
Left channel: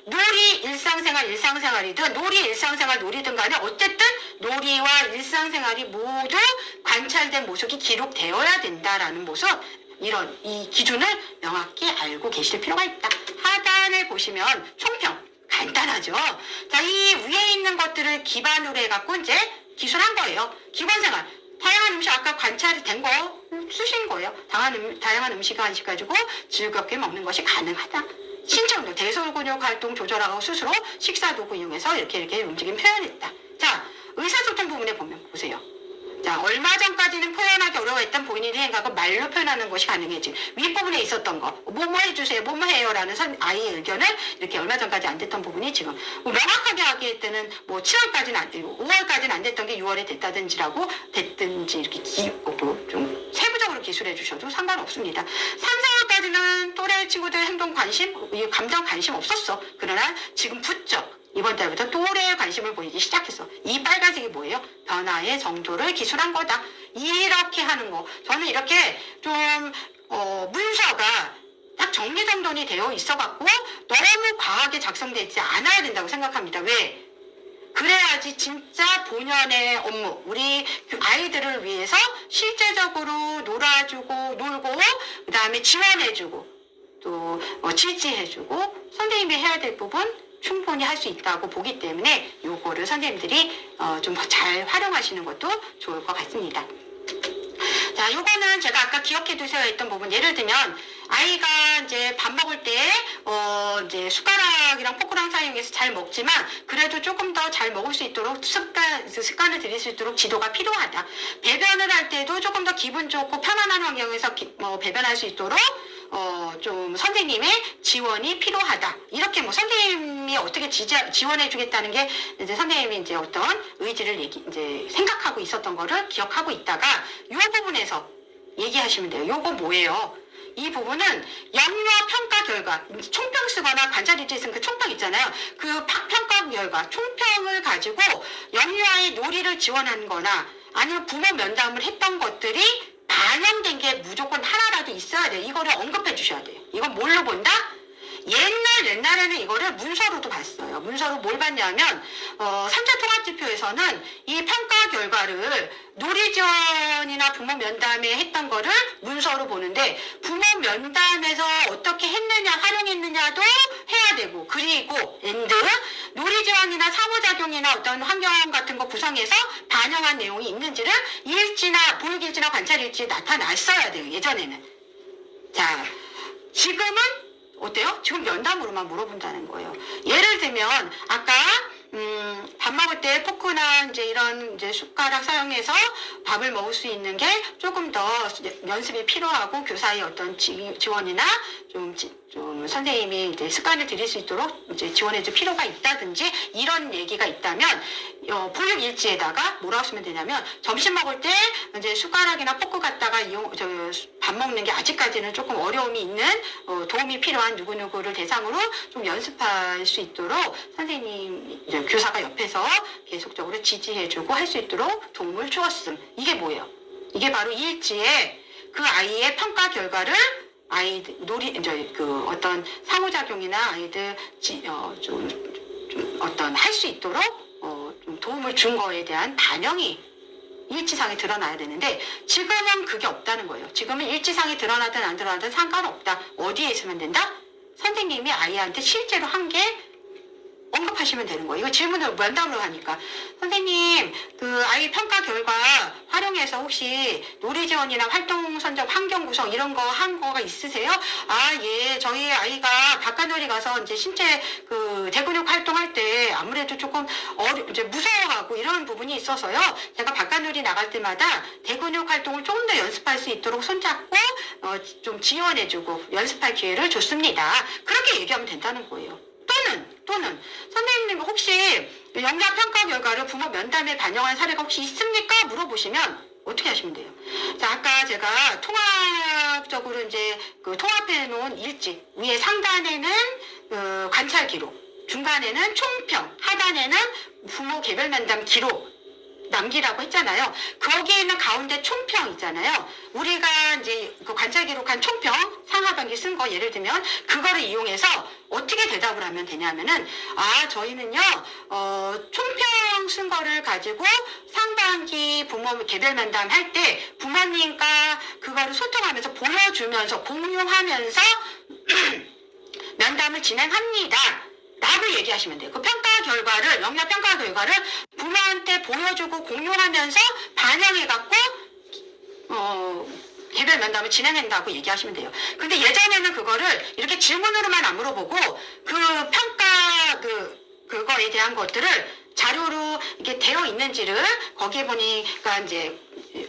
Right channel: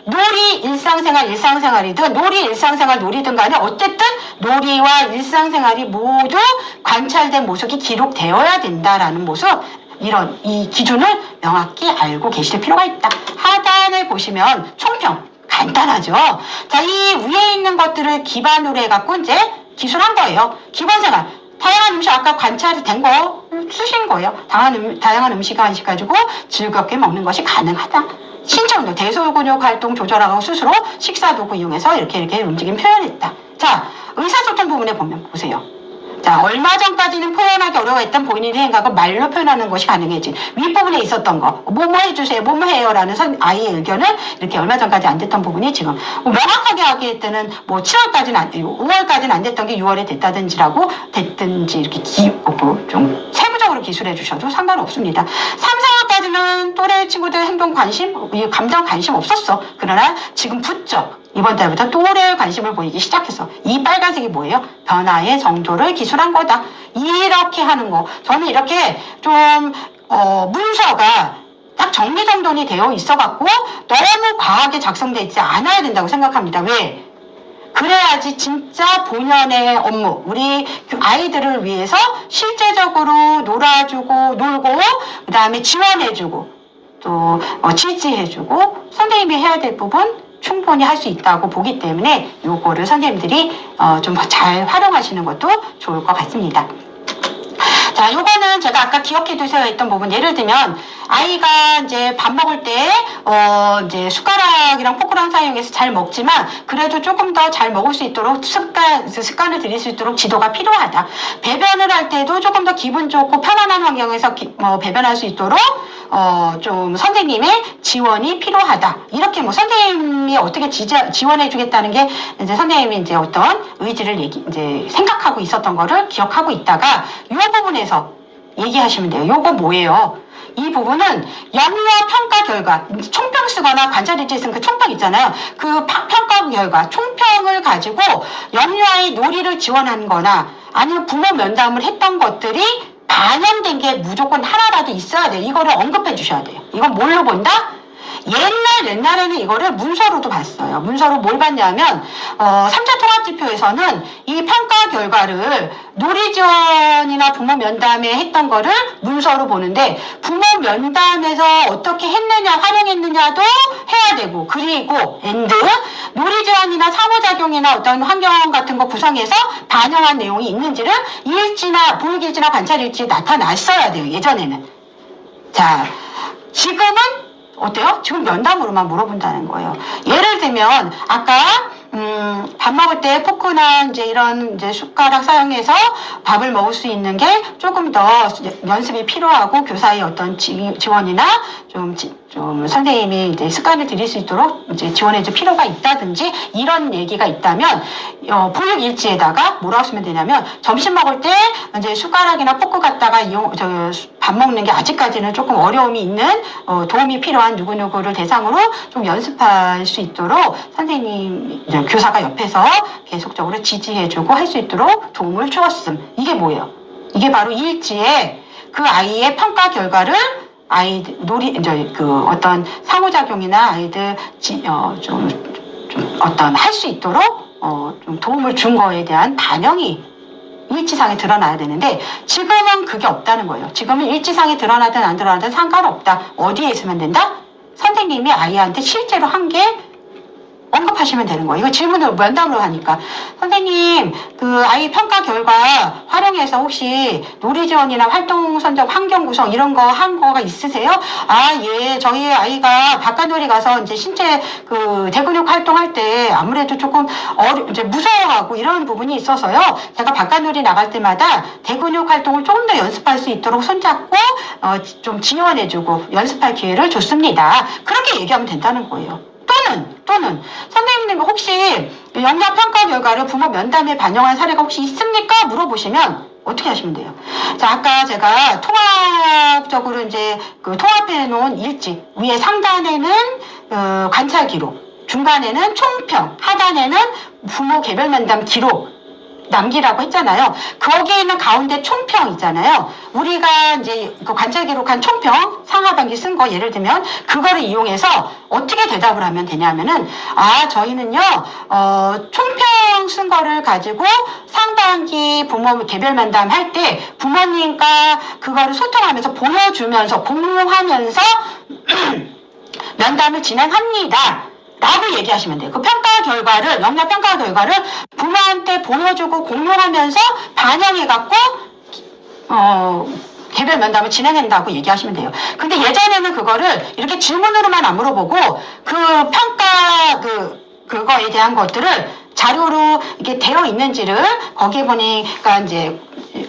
놀이 일상생활이든 놀이 일상생활 놀이든 간에 어쨌든 놀이와 일상생활이 모두 관찰된 모습이 기록되어야 된다라는 모습. 이런 이 기준을 명확히 알고 계실 필요가 있다. 하단을 보시면 총평 간단하죠. 자, 이 위에 있는 것들을 기반으로 해갖고 이제 기술한 거예요. 기본생활 다양한 음식 아까 관찰이 된 거 쓰신 거예요. 다양한 음식 간식 가지고 즐겁게 먹는 것이 가능하다. 신청도 대소근육 활동 조절하고 스스로 식사도구 이용해서 이렇게 움직임 표현했다. 자, 의사소통 부분에 보면 보세요. 자, 얼마 전까지는 표현하기 어려워했던 본인의 생각을 말로 표현하는 것이 가능해진 윗부분에 있었던 거, 뭐뭐 해주세요, 뭐뭐 해요라는 아이의 의견을 이렇게 얼마 전까지 안 됐던 부분이 지금 명확하게 하기 때는 뭐 7월까지는 5월까지는 안 됐던 게 6월에 됐다든지라고 됐든지 이렇게 좀 세부적으로 기술해 주셔도 상관없습니다. 3, 4월까지는 또래 친구들 행동 관심, 감정 관심 없었어. 그러나 지금 부쩍 이번 달부터 또래의 관심을 보이기 시작했어. 이 빨간색이 뭐예요? 변화의 정도를 기술한 거다. 이렇게 하는 거. 저는 이렇게 좀 문서가 딱 정리정돈이 되어 있어갖고 너무 과하게 작성되어 있지 않아야 된다고 생각합니다. 왜? 그래야지 진짜 본연의 업무, 우리 아이들을 위해서 실제적으로 놀아주고 놀고 그 다음에 지원해주고 또 지지해주고 선생님이 해야 될 부분 충분히 할 수 있다고 보기 때문에 요거를 선생님들이 좀 잘 활용하시는 것도 좋을 것 같습니다. 자, 요거는 제가 아까 기억해 두세요 했던 부분, 예를 들면 아이가 이제 밥 먹을 때 이제 숟가락이랑 포크랑 사용해서 잘 먹지만 그래도 조금 더 잘 먹을 수 있도록 습관을 들일 수 있도록 지도가 필요하다. 배변을 할 때도 조금 더 기분 좋고 편안한 환경에서 배변할 수 있도록 좀 선생님의 지원이 필요하다. 이렇게 뭐 선생님이 어떻게 지원해 주겠다는 게 이제 선생님이 이제 어떤 의지를 이제 생각하고 있었던 거를 기억하고 있다가 이 부분에서 얘기하시면 돼요. 요거 뭐예요? 이 부분은 영유아 평가 결과, 총평 쓰거나 관찰일지 쓴 그 총평 있잖아요. 그 평가 결과, 총평을 가지고 영유아의 놀이를 지원한 거나 아니면 부모 면담을 했던 것들이 반영된 게 무조건 하나라도 있어야 돼요. 이거를 언급해 주셔야 돼요. 이건 뭘로 본다? 옛날에는 이거를 문서로도 봤어요. 문서로 뭘 봤냐면 3차 통합지표에서는 이 평가 결과를 놀이 지원이나 부모 면담에 했던 거를 문서로 보는데 부모 면담에서 어떻게 했느냐 활용했느냐도 해야 되고, 그리고 놀이 지원이나 상호작용이나 어떤 환경 같은 거 구성해서 반영한 내용이 있는지를 일지나 보육일지나 관찰일지에 나타났어야 돼요. 예전에는. 자, 지금은 어때요? 지금 면담으로만 물어본다는 거예요. 예를 들면 아까 밥 먹을 때 포크나 이제 이런 이제 숟가락 사용해서 밥을 먹을 수 있는 게 조금 더 연습이 필요하고 교사의 어떤 지원이나 좀 선생님이 이제 습관을 들일 수 있도록 이제 지원해줄 필요가 있다든지 이런 얘기가 있다면 보육 일지에다가 뭐라고 쓰면 되냐면 점심 먹을 때 이제 숟가락이나 포크 갖다가 밥 먹는 게 아직까지는 조금 어려움이 있는 도움이 필요한 누구누구를 대상으로 좀 연습할 수 있도록 선생님 교사가 옆에서 계속적으로 지지해주고 할 수 있도록 도움을 주었음. 이게 뭐예요? 이게 바로 일지에 그 아이의 평가 결과를 아이들 어떤 상호작용이나 아이들 좀 어떤 할 수 있도록 좀 도움을 준 거에 대한 반영이 일지상에 드러나야 되는데 지금은 그게 없다는 거예요. 지금은 일지상에 드러나든 안 드러나든 상관없다. 어디에 있으면 된다? 선생님이 아이한테 실제로 한 게 언급하시면 되는 거예요. 이거 질문을 면담으로 하니까 선생님 그 아이 평가 결과 활용해서 혹시 놀이 지원이나 활동 선정 환경 구성 이런 거 한 거가 있으세요? 아, 예, 저희 아이가 바깥놀이 가서 이제 신체 그 대근육 활동할 때 아무래도 조금 이제 무서워하고 이런 부분이 있어서요. 제가 바깥놀이 나갈 때마다 대근육 활동을 조금 더 연습할 수 있도록 손잡고 좀 지원해주고 연습할 기회를 줬습니다. 그렇게 얘기하면 된다는 거예요. 또는 선생님 혹시 영역 평가 결과를 부모 면담에 반영한 사례가 혹시 있습니까? 물어보시면 어떻게 하시면 돼요? 자, 아까 제가 통합적으로 이제 통합해 놓은 일지 위에 상단에는 관찰 기록, 중간에는 총평, 하단에는 부모 개별 면담 기록 남기라고 했잖아요. 거기에 있는 가운데 총평 있잖아요. 우리가 이제 그 관찰 기록한 총평 상하반기 쓴 거 예를 들면 그거를 이용해서 어떻게 대답을 하면 되냐면은 저희는요 총평 쓴 거를 가지고 상반기 부모 개별 면담 할 때 부모님과 그거를 소통하면서 보여주면서 공유하면서 면담을 진행합니다. 라고 얘기하시면 돼요. 그 평가 결과를, 영역 평가 결과를 부모한테 보여주고 공유하면서 반영해갖고, 개별 면담을 진행한다고 얘기하시면 돼요. 근데 예전에는 그거를 이렇게 질문으로만 안 물어보고, 그 평가, 그거에 대한 것들을 자료로 이게 되어 있는지를 거기에 보니까 이제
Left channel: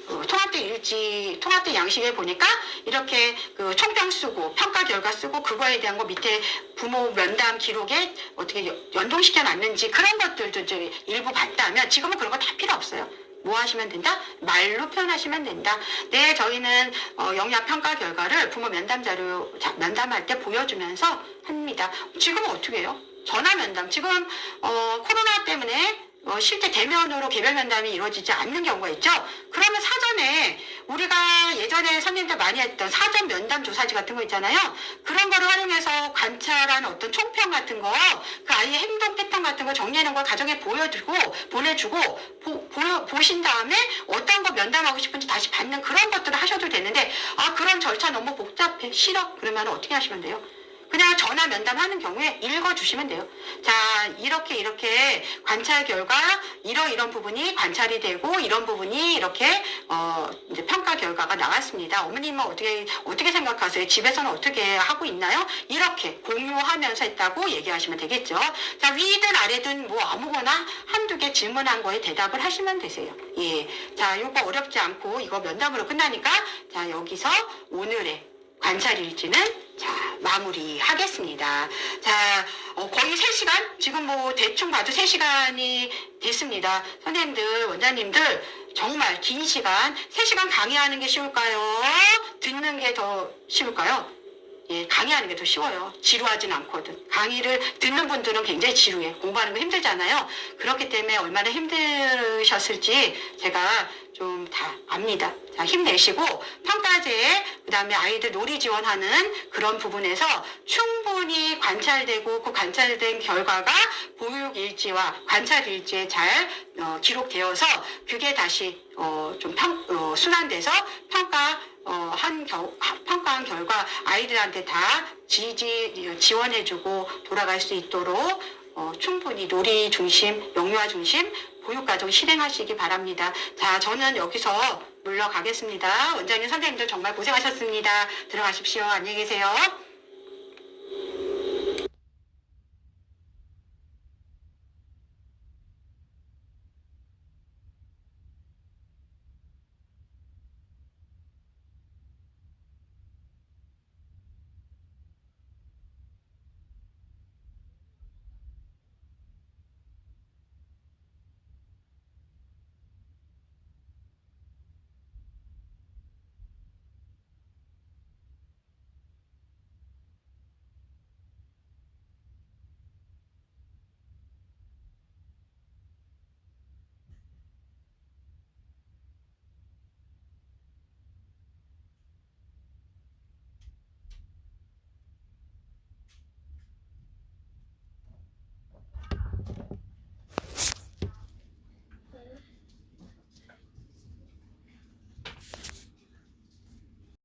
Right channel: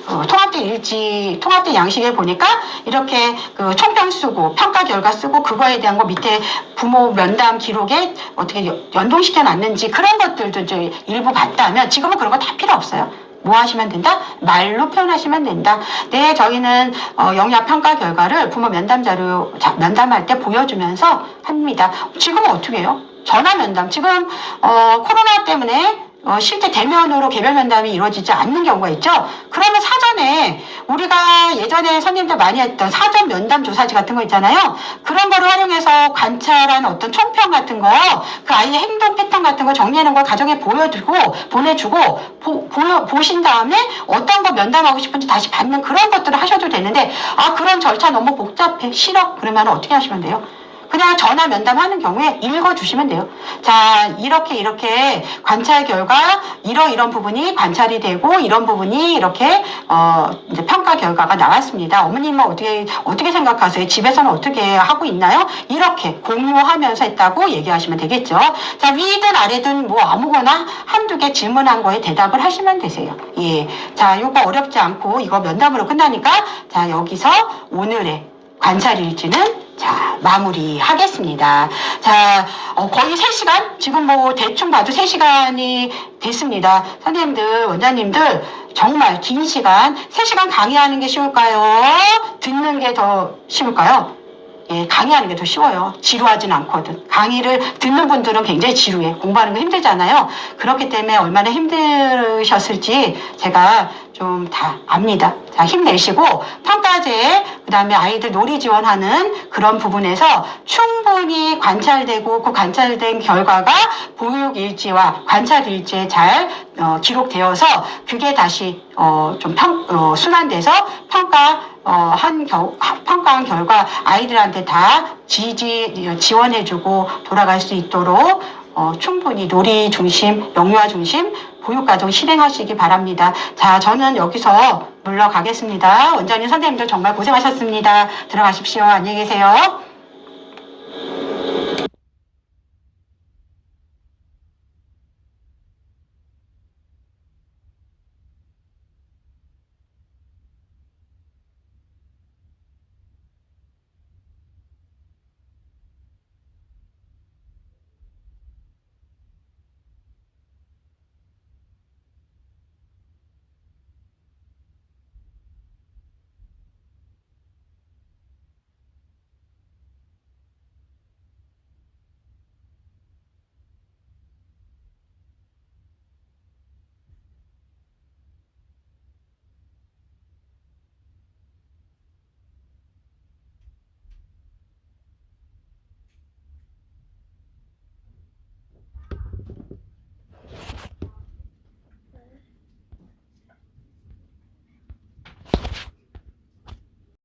통합된 일지, 통합된 양식에 보니까 이렇게 그 총평 쓰고 평가 결과 쓰고 그거에 대한 거 밑에 부모 면담 기록에 어떻게 연동시켜 놨는지 그런 것들도 이제 일부 봤다면 지금은 그런 거 다 필요 없어요. 뭐 하시면 된다? 말로 표현하시면 된다. 네, 저희는 영역 평가 결과를 부모 면담 자료 면담할 때 보여주면서 합니다. 지금은 어떻게 해요? 전화 면담. 지금 코로나 때문에 실제 대면으로 개별 면담이 이루어지지 않는 경우가 있죠. 그러면 사전에 우리가 예전에 선생님들 많이 했던 사전 면담 조사지 같은 거 있잖아요. 그런 거를 활용해서 관찰한 어떤 총평 같은 거, 그 아이의 행동 패턴 같은 거 정리하는 걸 가정에 보내주고 보신 다음에 어떤 거 면담하고 싶은지 다시 받는 그런 것들을 하셔도 되는데 그런 절차 너무 복잡해 싫어 그러면 어떻게 하시면 돼요? 그냥 전화 면담하는 경우에 읽어주시면 돼요. 자, 이렇게 관찰 결과 이런 부분이 관찰이 되고 이런 부분이 이렇게 이제 평가 결과가 나왔습니다. 어머님은 어떻게 생각하세요? 집에서는 어떻게 하고 있나요? 이렇게 공유하면서 했다고 얘기하시면 되겠죠. 자, 위든 아래든 뭐 아무거나 한두 개 질문한 거에 대답을 하시면 되세요. 예. 자, 요거 어렵지 않고 이거 면담으로 끝나니까 자, 여기서 오늘의 관찰 일지는 자, 마무리하겠습니다. 자, 거의 3시간? 지금 뭐 대충 봐도 3시간이 됐습니다. 선생님들, 원장님들, 정말 긴 시간, 3시간 강의하는 게 쉬울까요? 듣는 게 더 쉬울까요? 예, 강의하는 게 더 쉬워요. 지루하진 않거든. 강의를 듣는 분들은 굉장히 지루해. 공부하는 거 힘들잖아요. 그렇기 때문에 얼마나 힘드셨을지 제가 좀 다 압니다. 자, 힘내시고 평가제, 그 다음에 아이들 놀이 지원하는 그런 부분에서 충분히 관찰되고 그 관찰된 결과가 보육일지와 관찰일지에 잘 기록되어서 그게 다시 좀 순환돼서 평가한 결과 아이들한테 다 지원해주고 돌아갈 수 있도록 충분히 놀이 중심, 영유아 중심 보육과정 실행하시기 바랍니다. 자, 저는 여기서 물러가겠습니다. 원장님, 선생님들 정말 고생하셨습니다. 들어가십시오. 안녕히 계세요.